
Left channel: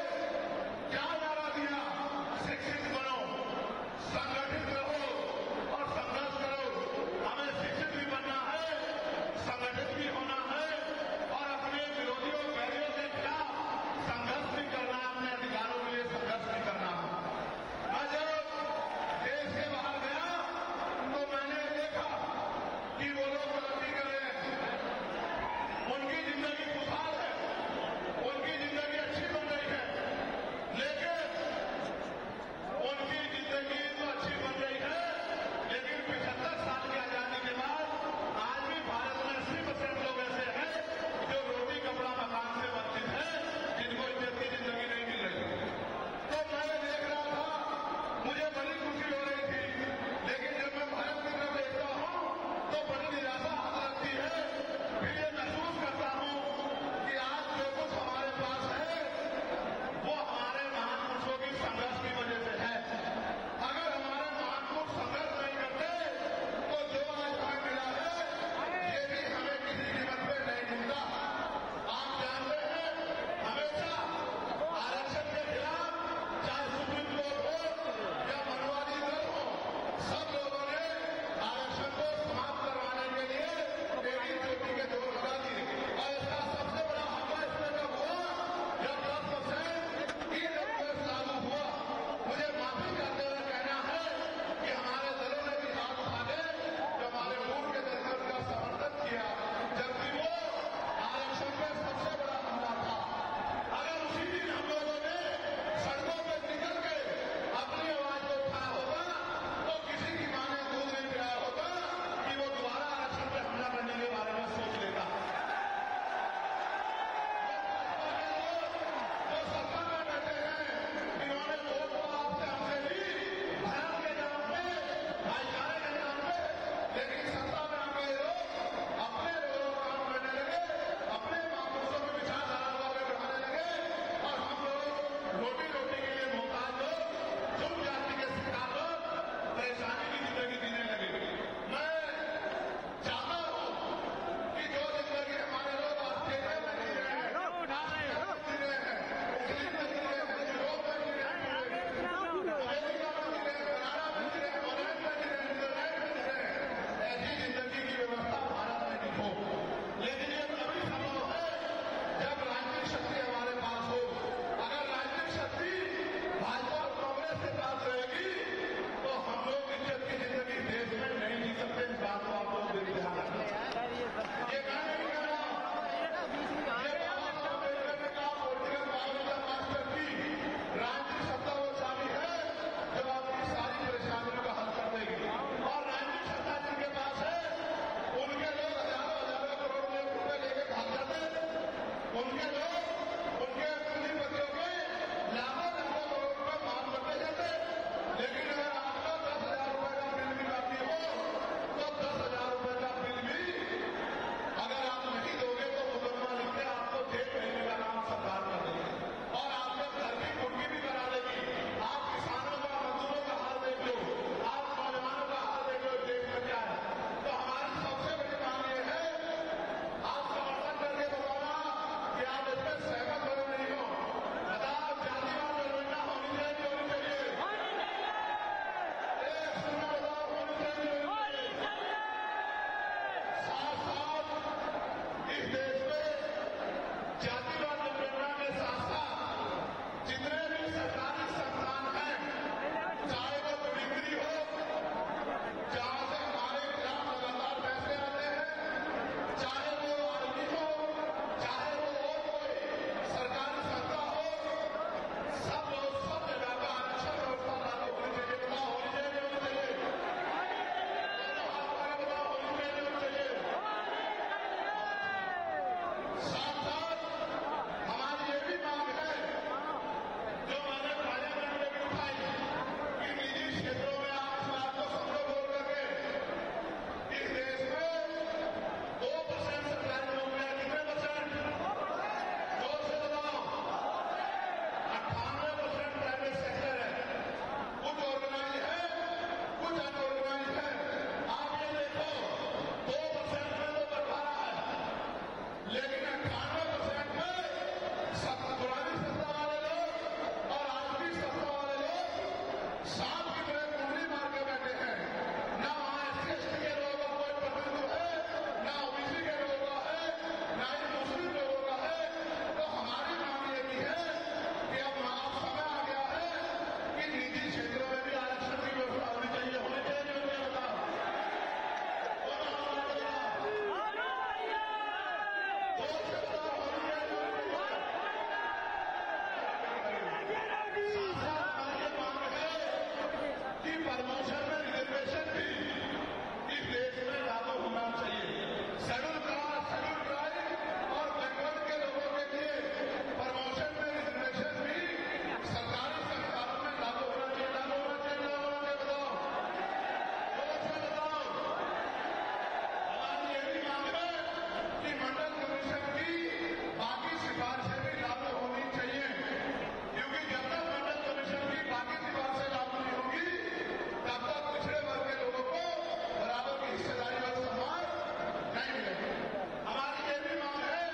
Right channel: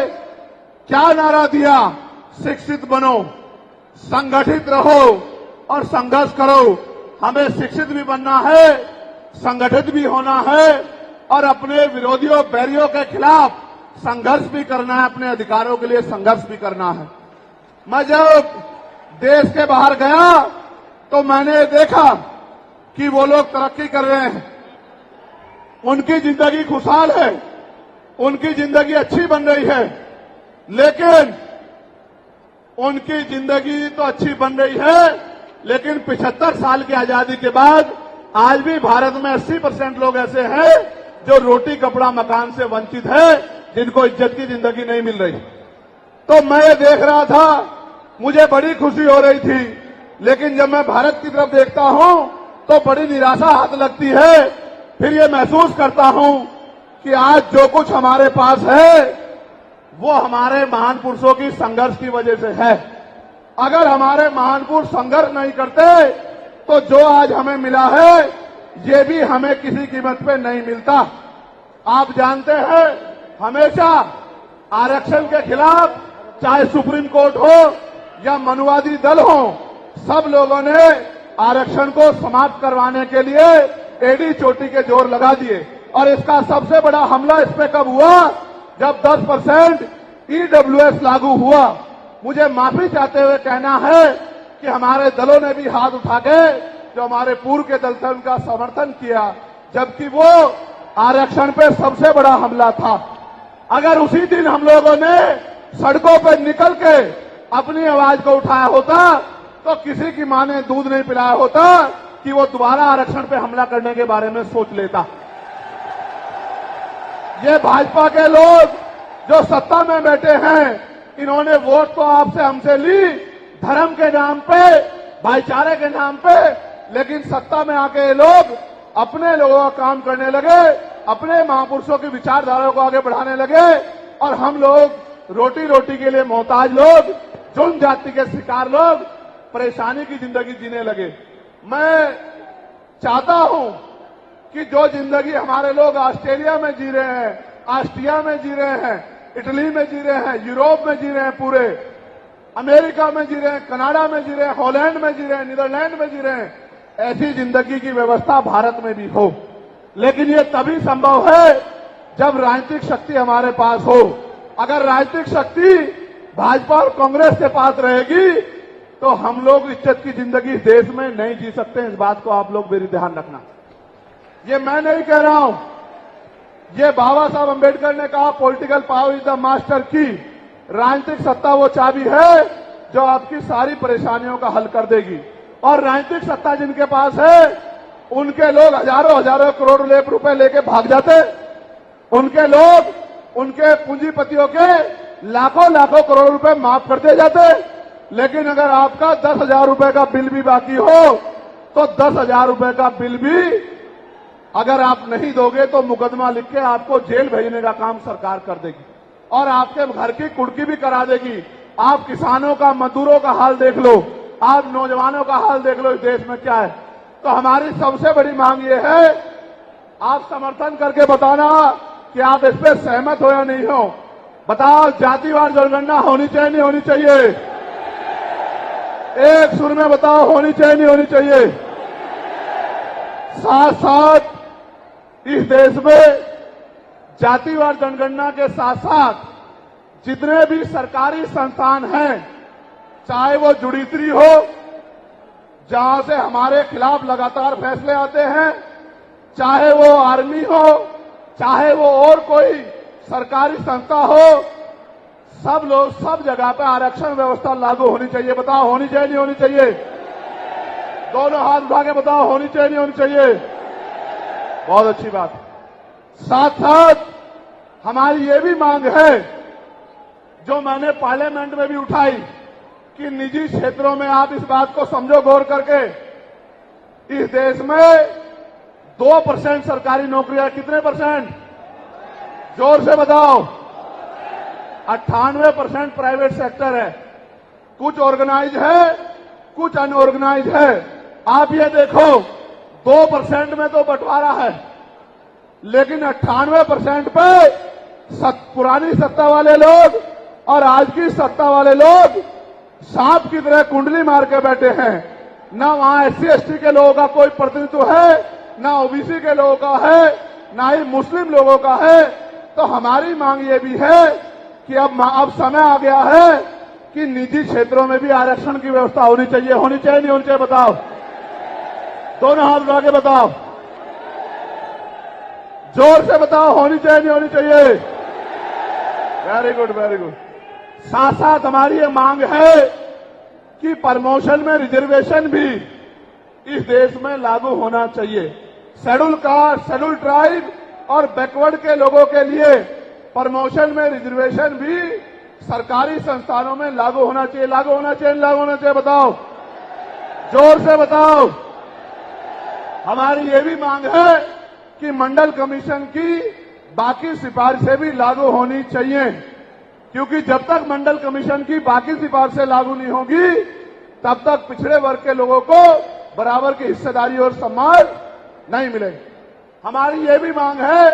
क्या नारा दिया? शिक्षित बनो, संगठित रहो और संघर्ष करो। हमें शिक्षित भी बनना है, संगठित भी होना है और अपने विरोधियों, बैरियों के खिलाफ संघर्ष भी करना है, अपने अधिकारों के लिए संघर्ष भी करना है। मैं जब देश के बाहर गया तो मैंने देखा कि वो लोग तरक्की कर रहे हैं, उनकी जिंदगी खुशहाल है, उनकी जिंदगी अच्छी बन रही है। लेकिन उनकी जिंदगी तो अच्छी बन रही है, लेकिन 75 साल की आजादी के बाद आज भी भारत में 80% लोग ऐसे हैं जो रोटी, कपड़ा, मकान से वंचित है, जिनको इज्जत की जिंदगी नहीं मिल रही। तो मैं ये देख रहा था, मुझे बड़ी खुशी हो रही थी। लेकिन जब मैं भारत की तरफ देखता हूं तो बड़ी निराशा हाथ लगती है। फिर ये महसूस करता हूं कि आज जो कुछ हमारे पास है वो हमारे महान पुरुषों की संघर्ष की वजह से है। अगर हमारे महान पुरुष संघर्ष नहीं करते तो जो आज हमें मिला है ये भी हमें किसी कीमत पे नहीं मिलता। आप जानते हैं, हमेशा आरक्षण के खिलाफ चाहे सुप्रीम कोर्ट हो या मनुवादी दल हो, सब लोगों ने आरक्षण को समाप्त करवाने के लिए एडी चोटी के जोर लगा दिए। और इसका सबसे बड़ा हमला इस पे कब हुआ? जब 10% ईडब्ल्यूएस लागू हुआ। मुझे माफी चाहते हुए कहना है कि हमारे दलों ने भी हाथ उठा के, जो हमारे पूर्व के दल थे, उनका समर्थन किया, जबकि वो आरक्षण पे सबसे बड़ा हमला था। अगर उसी दिन हम लोगों ने सड़कों पर निकल के अपनी आवाज को उठाया होता तो किसी की मां ने दूध नहीं पिलाया होता कि वो दोबारा आरक्षण पे हमला करने के बारे में सोच लेता। ये भाजपा के लोग जो सत्ता में बैठे हैं, इन्होंने वोट तो आपसे हमसे ली धर्म के नाम पे, भाईचारे के नाम पे, लेकिन सत्ता में आके ये लोग अपने लोगों का काम करने लगे, अपने महापुरुषों की विचारधारा को आगे बढ़ाने लगे और हम लोग रोटी रोटी के लिए मोहताज लोग, जुल्म जाति के शिकार लोग परेशानी की जिंदगी जीने लगे। मैं चाहता हूं कि जो जिंदगी हमारे लोग ऑस्ट्रेलिया में जी रहे हैं, ऑस्ट्रिया में जी रहे हैं, इटली में जी रहे हैं, यूरोप में जी रहे हैं, पूरे अमेरिका में जी रहे हैं, कनाडा में जी रहे हैं, हॉलैंड में जी रहे हैं, नीदरलैंड में जी रहे हैं, ऐसी जिंदगी की व्यवस्था भारत में भी हो। लेकिन ये तभी संभव है जब राजनीतिक शक्ति हमारे पास हो। अगर राजनीतिक शक्ति भाजपा और कांग्रेस के पास रहेगी तो हम लोग इज्जत की जिंदगी इस देश में नहीं जी सकते। इस बात को आप लोग मेरी ध्यान रखना। ये मैं नहीं कह रहा हूं, ये बाबा साहब अंबेडकर ने कहा, political power is the master की। राजनीतिक सत्ता वो चाबी है जो आपकी सारी परेशानियों का हल कर देगी। और राजनीतिक सत्ता जिनके पास है उनके लोग हजारों हजारों करोड़ रुपए लेके भाग जाते। उनके लोग उनके पूंजीपतियों के लाखों लाखों करोड़ रुपए माफ करते जाते। लेकिन अगर आपका 10,000 रुपए का बिल भी बाकी हो तो 10,000 रुपए का बिल भी अगर आप नहीं दोगे तो मुकदमा लिख के आपको जेल भेजने का काम सरकार कर देगी और आपके घर की कुर्की भी करा देगी। आप किसानों का, मजदूरों का हाल देख लो, आप नौजवानों का हाल देख लो, इस देश में क्या है। तो हमारी सबसे बड़ी मांग ये है, आप समर्थन करके बताना कि आप इस पर सहमत हो या नहीं हो। बताओ, जातिवार जनगणना होनी चाहिए नहीं होनी चाहिए? एक सुर में बताओ, होनी चाहिए नहीं होनी चाहिए? साथ साथ इस देश में जातिवार जनगणना के साथ साथ जितने भी सरकारी संस्थान हैं, चाहे वो जुडिशरी हो जहां से हमारे खिलाफ लगातार फैसले आते हैं, चाहे वो आर्मी हो, चाहे वो और कोई सरकारी संस्था हो, सब लोग सब जगह पे आरक्षण व्यवस्था लागू होनी चाहिए। बताओ, होनी चाहिए नहीं होनी चाहिए? दोनों हाथ उठा के बताओ, होनी चाहिए नहीं होनी चाहिए? बहुत अच्छी बात। साथ साथ हमारी ये भी मांग है जो मैंने पार्लियामेंट में भी उठाई कि निजी क्षेत्रों में आप इस बात को समझो गौर करके, इस देश में 2% सरकारी नौकरियां, कितने परसेंट? जोर से बताओ। 98% प्राइवेट सेक्टर है। कुछ ऑर्गेनाइज है, कुछ अनऑर्गेनाइज है। आप ये देखो, 2% में तो बंटवारा है, लेकिन 98% पे पुरानी सत्ता वाले लोग और आज की सत्ता वाले लोग सांप की तरह कुंडली मार के बैठे हैं। ना वहां SC/ST के लोगों का कोई प्रतिनिधित्व है, ना OBC के लोगों का है, ना ही मुस्लिम लोगों का है। तो हमारी मांग ये भी है कि अब समय आ गया है कि निजी क्षेत्रों में भी आरक्षण की व्यवस्था होनी चाहिए। होनी चाहिए नहीं होनी चाहिए? बताओ, दोनों हाथ उठा के बताओ, जोर से बताओ, होनी चाहिए नहीं होनी चाहिए? Very good, very good. साथ साथ हमारी ये मांग है कि प्रमोशन में रिजर्वेशन भी इस देश में लागू होना चाहिए। शेड्यूल कास्ट, शेड्यूल ट्राइब और बैकवर्ड के लोगों के लिए प्रमोशन में रिजर्वेशन भी सरकारी संस्थानों में लागू होना चाहिए। लागू होना चाहिए, लागू होना चाहिए? बताओ, जोर से बताओ। हमारी ये भी मांग है कि मंडल कमीशन की बाकी सिफारिशें भी लागू होनी चाहिए, क्योंकि जब तक मंडल कमीशन की बाकी सिफारिशें लागू नहीं होगी तब तक पिछड़े वर्ग के लोगों को बराबर की हिस्सेदारी और सम्मान नहीं मिलेगी। हमारी ये भी मांग है,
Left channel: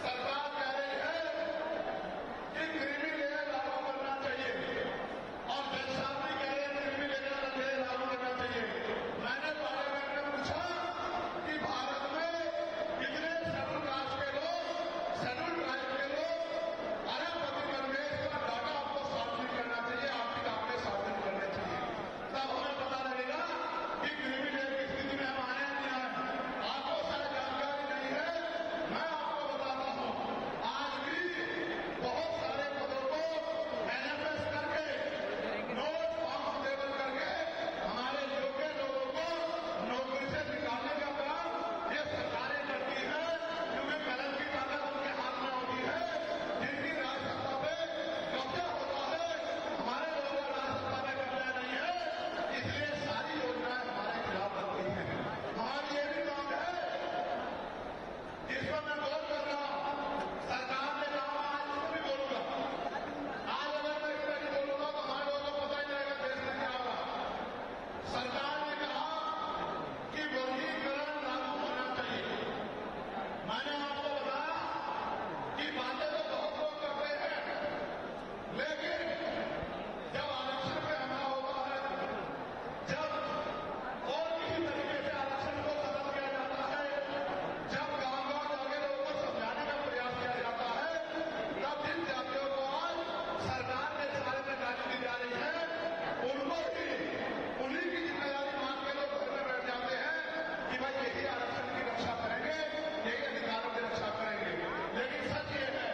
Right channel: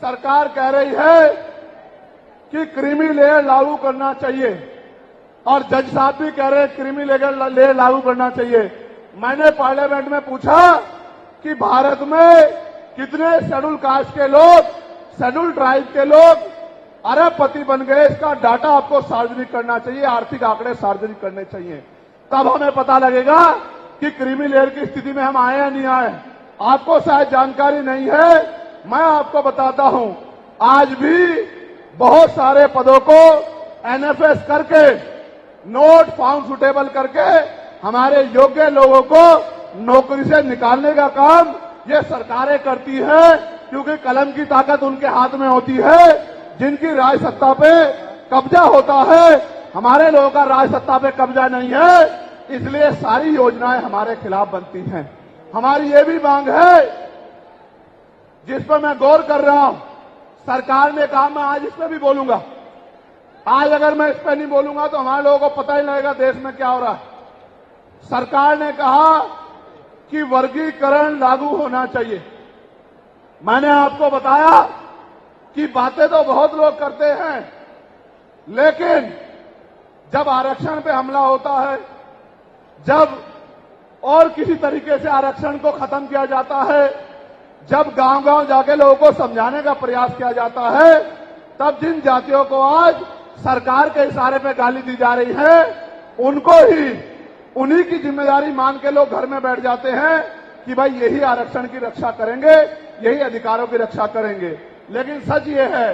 सरकार कह रही है कि क्रीमी लेयर लागू करना चाहिए और जज साहब भी कह रहे हैं क्रीमी लेयर लागू करना चाहिए। मैंने पार्लियामेंट में पूछा कि भारत में कितने शेड्यूल कास्ट के लोग, शेड्यूल ट्राइब के लोग अरबपति बन गए, इसका डाटा आपको सार्वजनिक करना चाहिए, आर्थिक आंकड़े सार्वजनिक करने चाहिए। तब हमें पता लगेगा कि क्रीमी लेयर की स्थिति में हम आए या नहीं आए। आपको शायद जानकारी नहीं है, मैं आपको बताता हूं, आज भी बहुत सारे पदों को NFS करके, नोट फाउंड सुटेबल करके हमारे योग्य लोगों को नौकरी से निकालने का काम ये सरकारें करती है, क्योंकि कलम की ताकत उनके हाथ में होती है। जिनकी राज सत्ता पे कब्जा होता है, हमारे लोगों का राज सत्ता पे कब्जा नहीं है, इसलिए सारी योजनाएं हमारे खिलाफ बनती हैं। हमारी ये भी मांग है, जिस पर मैं गौर कर रहा हूं, सरकार ने कहा, मैं आज इस पर भी बोलूंगा। आज अगर मैं इस पर नहीं बोलूंगा तो हमारे लोगों को पता ही नहीं लगेगा देश में क्या हो रहा है। सरकार ने कहा कि वर्गीकरण लागू होना चाहिए। मैंने आपको बताया कि बातें तो बहुत लोग करते हैं, लेकिन जब आरक्षण पे हमला होता है, जब और किसी तरीके से आरक्षण को खत्म किया जाता है, जब गांव-गांव जाके लोगों को समझाने का प्रयास किया जाता है, तब जिन जातियों को आज सरकार के इशारे पे गाली दी जा रही है, उनको ही उन्हीं की जिम्मेदारी मान के लोग घर में बैठ जाते हैं कि भाई यही आरक्षण की रक्षा करेंगे, यही अधिकारों की रक्षा करेंगे। लेकिन सच ये है,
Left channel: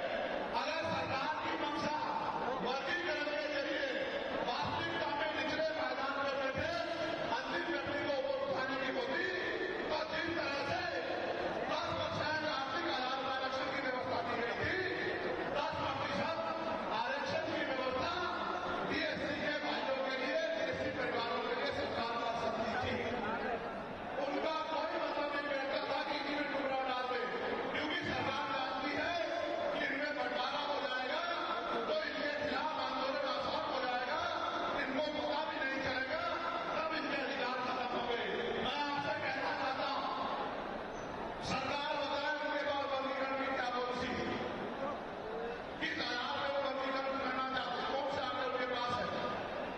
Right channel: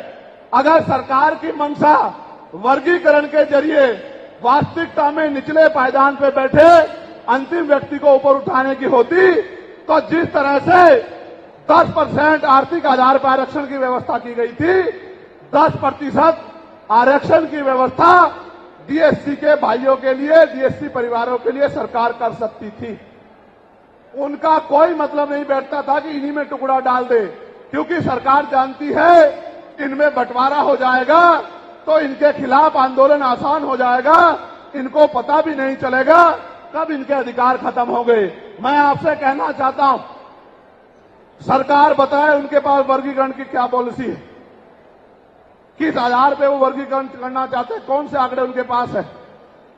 अगर सरकार की मंशा वर्गीकरण के जरिए वास्तविकता में निचले पायदान पे बैठे अंतिम व्यक्ति को ऊपर उठाने की होती, तो जिस तरह से 10% आर्थिक आधार पर आरक्षण की व्यवस्था की गई थी, 10% आरक्षण की व्यवस्था डीएससी के भाइयों के लिए, डीएससी परिवारों के लिए सरकार कर सकती थी। उनका कोई मतलब नहीं बैठता था कि इन्हीं में टुकड़ा डाल दे, क्योंकि सरकार जानती है इनमें बंटवारा हो जाएगा तो इनके खिलाफ आंदोलन आसान हो जाएगा, इनको पता भी नहीं चलेगा कब इनके अधिकार खत्म हो गए। मैं आपसे कहना चाहता हूं, सरकार बताए उनके पास वर्गीकरण की क्या पॉलिसी है, किस आधार पे वो वर्गीकरण करना चाहते हैं, कौन से आंकड़े उनके पास है,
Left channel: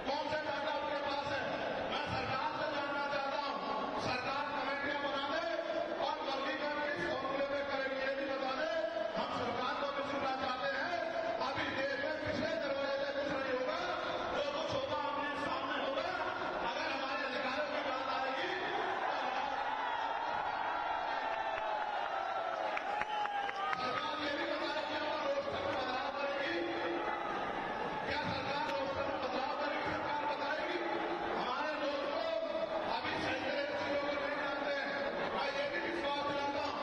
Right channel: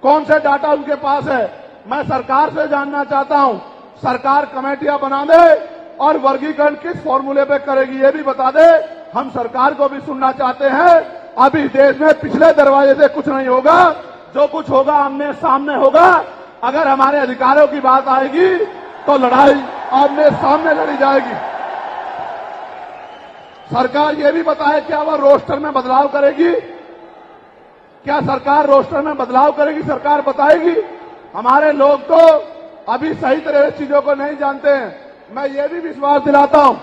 कौन से डाटा उनके पास है। मैं सरकार से जानना चाहता हूं, सरकार कमेटियां बना दे और वर्गीकरण किस फॉर्मूले पे करेगी ये भी बता दे। हम सरकार को भी सुनना चाहते हैं। अभी देश में पिछले दरवाजे से कुछ नहीं होगा, जो कुछ होगा आमने सामने होगा। अगर हमारे अधिकारों की बात आएगी तो लड़ाई आमने सामने लड़ी जाएगी। सरकार ये भी बताए क्या वह रोस्टर में बदलाव करेगी, क्या सरकार रोस्टर में बदलाव करेगी, सरकार बताएगी। हमारे लोग तो अभी सही तरह से चीजों को नहीं जानते हैं। मैं ये भी विश्वास दिलाता हूं,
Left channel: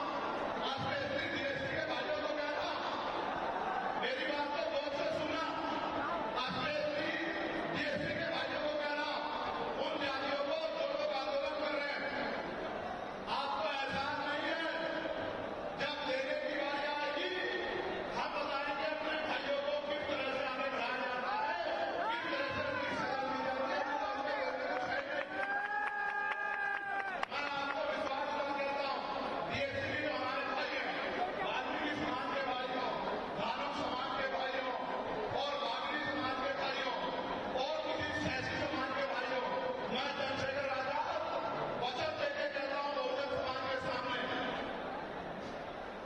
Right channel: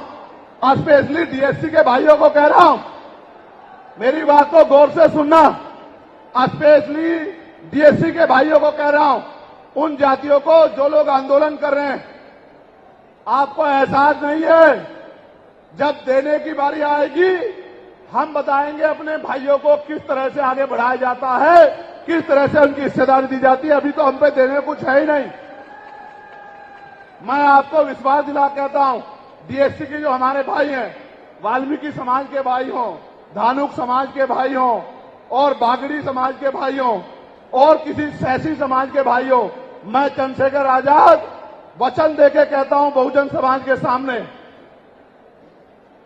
स्पेशली डीएससी के भाइयों को कह रहा हूं, मेरी बात को गौर से सुनना। स्पेशली डीएससी के भाइयों को कह रहा हूं, उन जातियों को जो लोग आंदोलन कर रहे हैं, आपको एहसास नहीं है, जब देने की बारी आएगी हम बताएंगे अपने भाइयों को किस तरह से आगे बढ़ाया जाता है, किस तरह से उनकी हिस्सेदारी दी जाती है। अभी तो हम पे देने कुछ है ही नहीं। मैं आपको विश्वास दिला कहता हूं, डीएससी के जो हमारे भाई हैं, वाल्मीकि समाज के भाई हों, धानुक समाज के भाई हों और बागड़ी समाज के भाई हों और किसी सैसी समाज के भाई हों, मैं चंद्रशेखर आजाद वचन देके कहता हूं बहुजन समाज के सामने,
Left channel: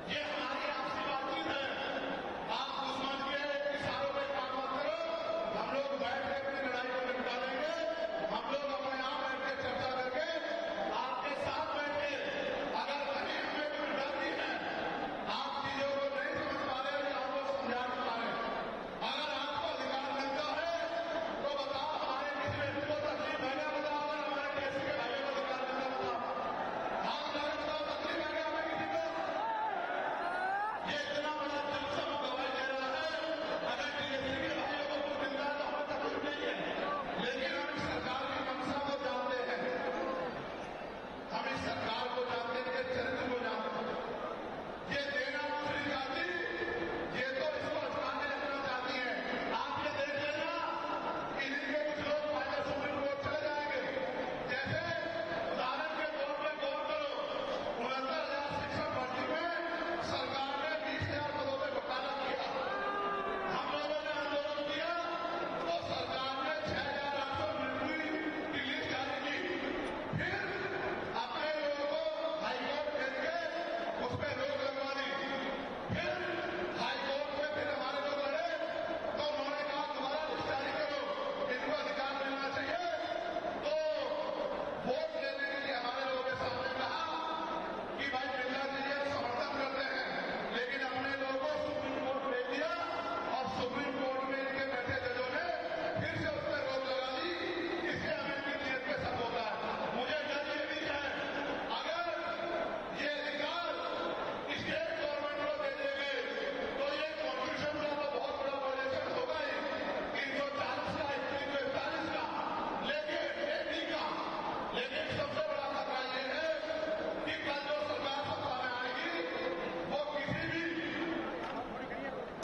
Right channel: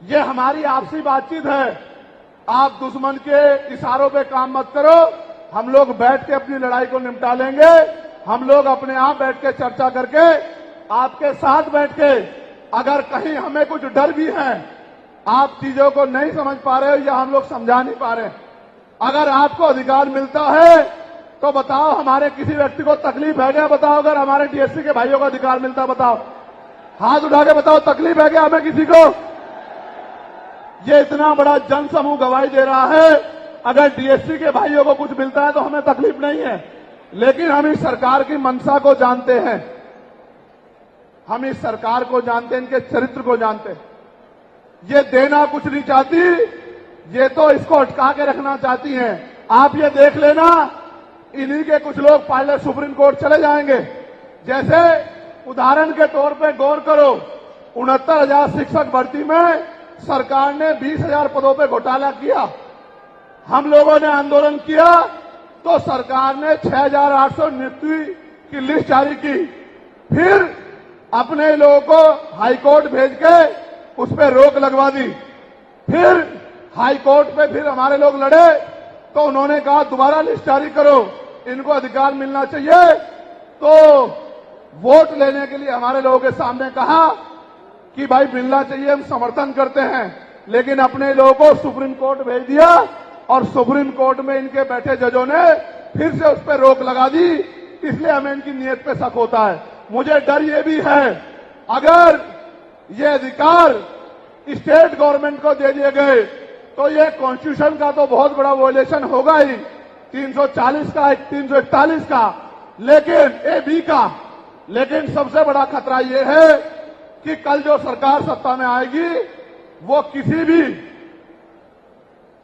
ये हमारी आपसी बातचीत है। आप दुश्मन के इशारों पे काम मत करो, हम लोग बैठ के अपनी लड़ाई को निपटा लेंगे। हम लोग अपने आप बैठ के चर्चा करके आपके साथ बैठ के, अगर कहीं हमें कुछ डर भी है, आप चीजों को नहीं समझ पा रहे हो या हम लोग समझा नहीं पा रहे, अगर आपको अधिकार मिलता है तो बताओ, हमारे किसी व्यक्ति को तकलीफ है क्या, बताओ। अगर हमारे डीएससी के भाइयों को अधिकार मिलता बताओ, हाथ उठा के बताओ, तकलीफ है क्या हमें किसी को। ये इतना बड़ा जन समूह गवाही दे रहा है, अगर डीएससी के भाइयों को कुछ मिलता है तो हमें तकलीफ नहीं है। लेकिन हम इस सरकार की मंशा को जानते हैं, हम इस सरकार को जानते हैं, इनके चरित्र को जानते हैं। ये देना कुछ नहीं चाहती, ये तो इसको अटका के रखना चाहती हैं। आप ये देख लेना, इन्हीं के कुछ लोग पहले सुप्रीम कोर्ट चले जाएंगे। जैसे उदाहरण के तौर पे गौर करो, 69,000 शिक्षक भर्ती में सरकार ने 20,000 पदों पे घोटाला किया। हम लोगों ने आंदोलन किया तो सरकार ने 6,800 नियुक्ति की लिस्ट जारी की। फिर अपने लोगों को हाईकोर्ट भेज के उस पर रोक लगवा दी। फिर हाईकोर्ट पे फिर हमारे लोग लड़े तो उन्होंने कहा दोबारा लिस्ट जारी करो, इनको अधिकार मिलना चाहिए। तो वोट लेने के लिए हमारे लोगों के सामने कहा कि भाई मिलना चाहिए, हम समर्थन करते हैं। लेकिन अपने लोगों को सुप्रीम कोर्ट भेज दिया और सुप्रीम कोर्ट में इनके बैठे जजों ने फिर से उस पर रोक लगा दी। इसलिए हमें इनकी नीयत पे शक होता है। मुझे डर ये भी है, अगर ये अधिकार स्टेट गवर्नमेंट को दे दिए गए तो ये कॉन्स्टिट्यूशन का तो बहुत बड़ा वॉयलेशन होगा ही, 340 का, 341 का, लेकिन AB का। लेकिन सबसे बड़ा खतरा ये है कि कल जो सरकार सत्ता में आएगी वो किसी भी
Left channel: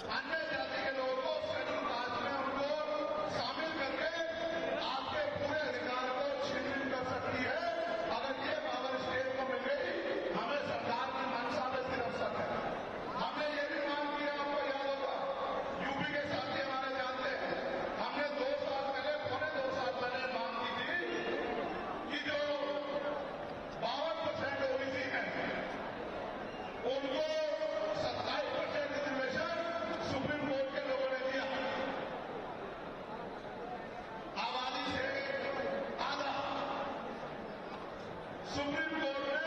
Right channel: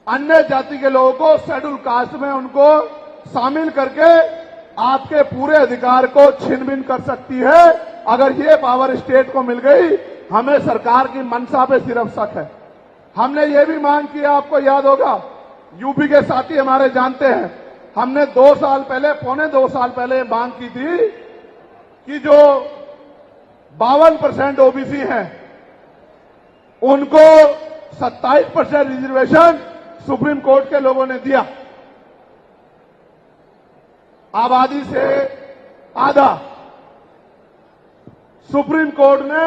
अन्य जाति के लोगों को शेड्यूल कास्ट में उनको शामिल करके आपके पूरे अधिकार को छीन-बीन कर सकती है। अगर ये पावर स्टेट को मिल गई हमें सरकार की मंशा पे सिर्फ शक है। हमने ये भी मांग किया, आपको याद होगा, यूपी के साथी हमारे जानते हैं, हमने 2 साल पहले, पौने 2 साल पहले मांग की थी कि जो 52% ओबीसी हैं उनको 27% रिजर्वेशन सुप्रीम कोर्ट के लोगों ने दिया, आबादी से आधा। सुप्रीम कोर्ट ने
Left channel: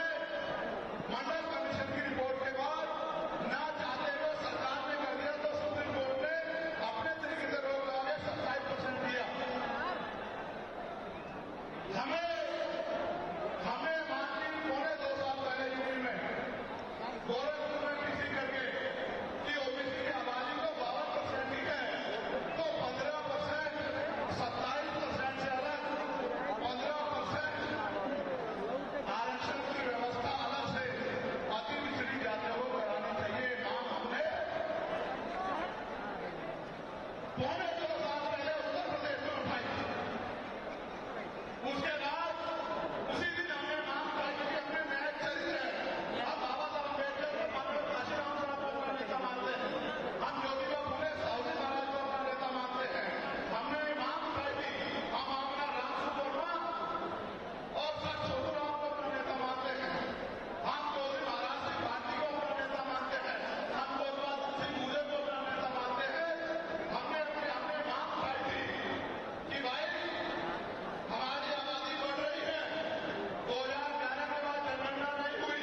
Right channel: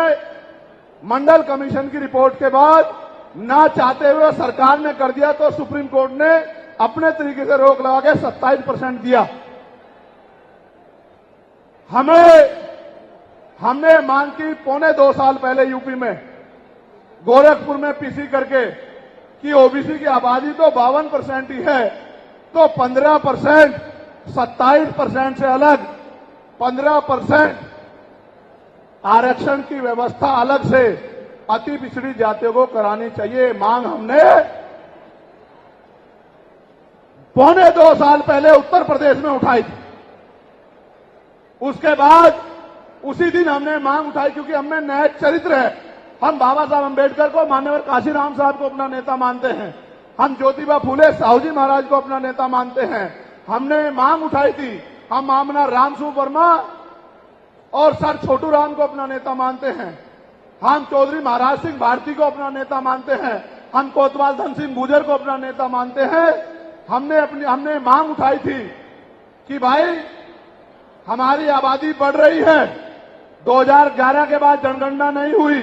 मंडल कमीशन की रिपोर्ट के बाद ना चाहते हुए सरकार ने कर दिया, तो सुप्रीम कोर्ट ने अपने तरीके से रोक लगा के 27% दिया। हमने मांग की पौने 2 साल पहले यूपी में गोरखपुर में पीसी करके कि ओबीसी की आबादी तो 52% ही है, तो 15%, 27% से अलग 15% आरक्षण की व्यवस्था अलग से अति पिछड़ी जातियों को करानी चाहिए। मांग हमने पौने 2 साल पहले उत्तर प्रदेश में उठाई थी। उसके बाद उसी दिन हमने मांग उठाई, क्योंकि हमें नए चरित्र है। हम बाबा साहब अम्बेडकर को, माननीय काशीराम साहब को अपना नेता मानते हैं, हम ज्योतिबा फूले साहू जी महाराज को अपना नेता मानते हैं। हमने मांग उठाई थी, हम मामला रामसू वर्मा और सर छोटू राम को अपना नेता मानते हैं, हम चौधरी महाराज सिंह भारती को अपना नेता मानते हैं, हम कोतवाल धन सिंह गुर्जर को अपना नेता मानते हैं। हमने मांग उठाई थी कि भाई हमारी आबादी बढ़ रही है, 2011 के बाद जनगणना नहीं हुई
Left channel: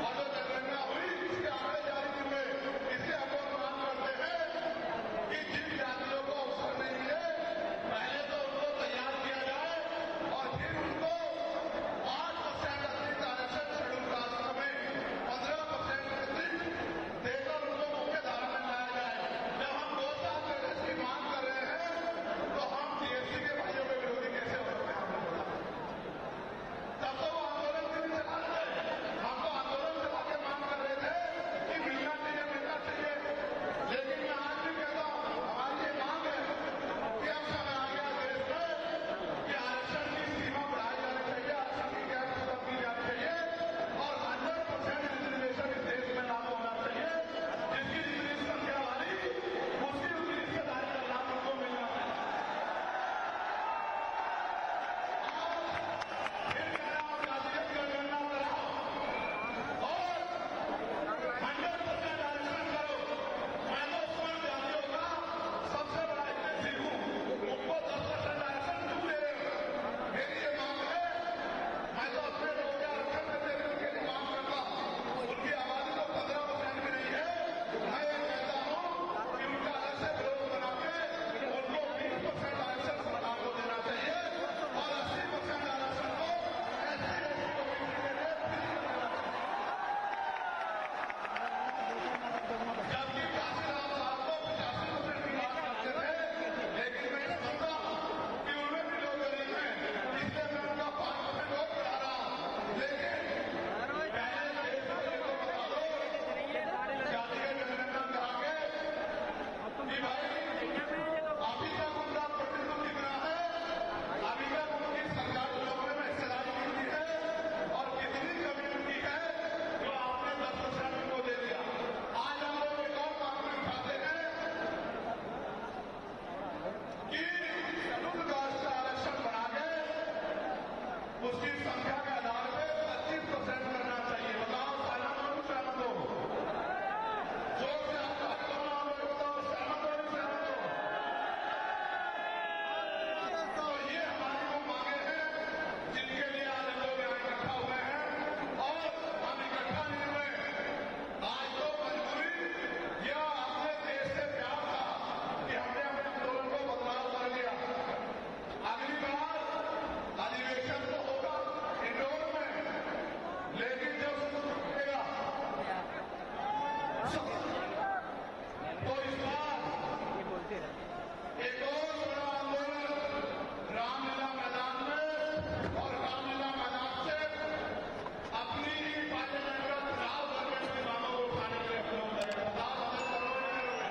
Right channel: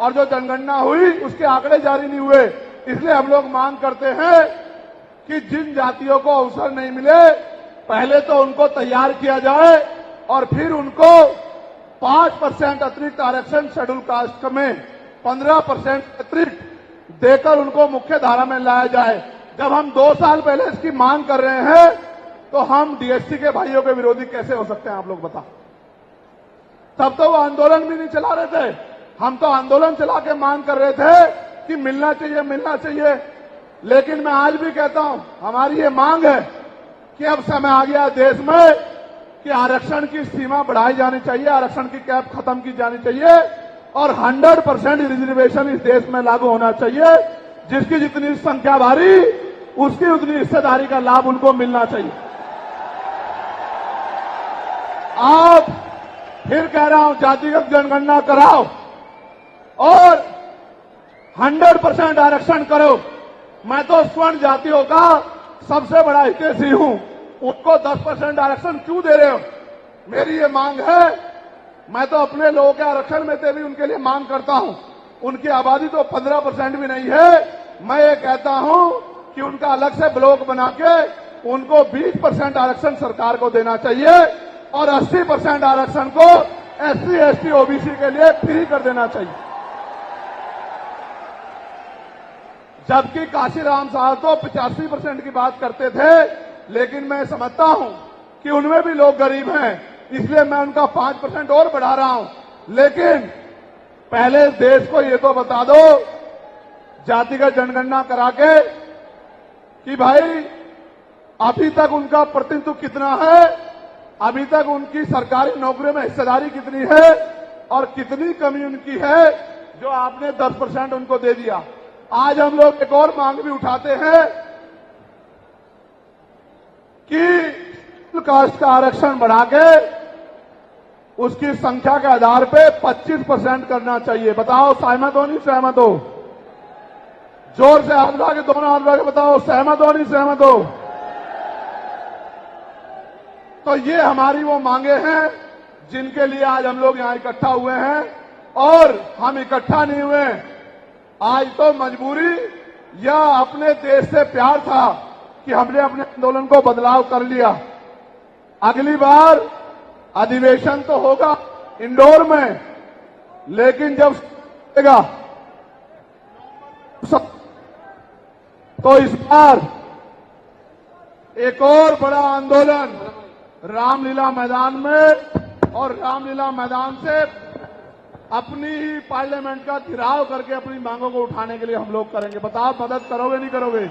और जो जनगणना हुई उसके आंकड़े जारी नहीं हुए, इसलिए हम लोग मांग करते हैं कि जिन जातियों को अवसर नहीं मिले पहले तो उनको तैयार किया जाए और फिर उनको 5% अतिरिक्त आरक्षण शेड्यूल कास्ट में 15% अतिरिक्त देकर उनको मुख्य धारा में लाया जाए। जब हम 2 साल पहले इसकी मांग कर रहे हैं तो हम डीएससी के भाइयों के विरोधी कैसे हो सकते हैं, आप लोग बताओ। तब तो वो आंदोलन भी नहीं चला रहे थे, हम तो आंदोलन चला के मांग कर रहे थे कि मिलना चाहिए, मिलना चाहिए। लेकिन मैं आज भी कहता हूं, हमारी ये मांग है कि अब समय आ गया देश में कि आरक्षण की सीमा बढ़ाई जानी चाहिए, आरक्षण की कैप खत्म की जानी चाहिए और 100% रिजर्वेशन इस देश में लागू होना चाहिए। जिसकी जितनी संख्या भारी उसकी उतनी हिस्सेदारी का लाभ उनको मिलना चाहिए। आप फिर कह रहा हूं, जातिगत जनगणना कराओ और 100% आरक्षण करो। मैं तो स्वर्ण जातियों का सबसे बड़ा हितैषी हूं, उनको 10% आरक्षण क्यों दे रहे हो? मेरी ये मांग है। मैं तो अपने लोगों के आरक्षण में से भी उनके लिए मांग करता हूं। उनकी आबादी तो 15% भी नहीं है। मैं ये कहता हूं कि उनका अलग से ब्लॉक बना के उनको 20% आरक्षण सरकार को देना चाहिए और 80% आरक्षण को एससी, एसटी, ओबीसी के लिए फ्री कर देना चाहिए। जबकि काशीराम साहब तो 85% की बात करते थे, लेकिन मैं समझता हूं कि उनमें भी लोग गरीब हैं, इसलिए मैं उनका 5% और बढ़ा रहा हूं। लेकिन पहले देश को ये तो बता दो, जातिगत जनगणना करा के, कि भाई अभी तक उनका प्रतिनिधित्व कितना है, अभी तक उनकी सरकारी नौकरियों में हिस्सेदारी कितनी है और कितनी कमी उनकी है जो आपने 10% उनको दे दिया। आज हम लोग एक और मांग भी उठाते हैं कि कास्ट का आरक्षण बढ़ा के उसकी संख्या के आधार पे 25% करना चाहिए। बताओ सहमत हो नहीं सहमत हो? जोर से हाथ उठा के, दोनों हाथ उठा के बताओ सहमत हो नहीं सहमत हो? तो ये हमारी वो मांगे हैं जिनके लिए आज हम लोग यहां इकट्ठा हुए हैं। और हम इकट्ठा नहीं हुए आज तो मजबूरी या अपने देश से प्यार था कि हमने अपने आंदोलन को बदलाव कर लिया। अगली बार अधिवेशन तो होगा इंदौर में, लेकिन जब तो इस बार एक और बड़ा आंदोलन रामलीला मैदान में, और रामलीला मैदान से अपनी ही पार्लियामेंट का घेराव करके अपनी मांगों को उठाने के लिए हम लोग करेंगे। बताओ मदद करोगे नहीं करोगे?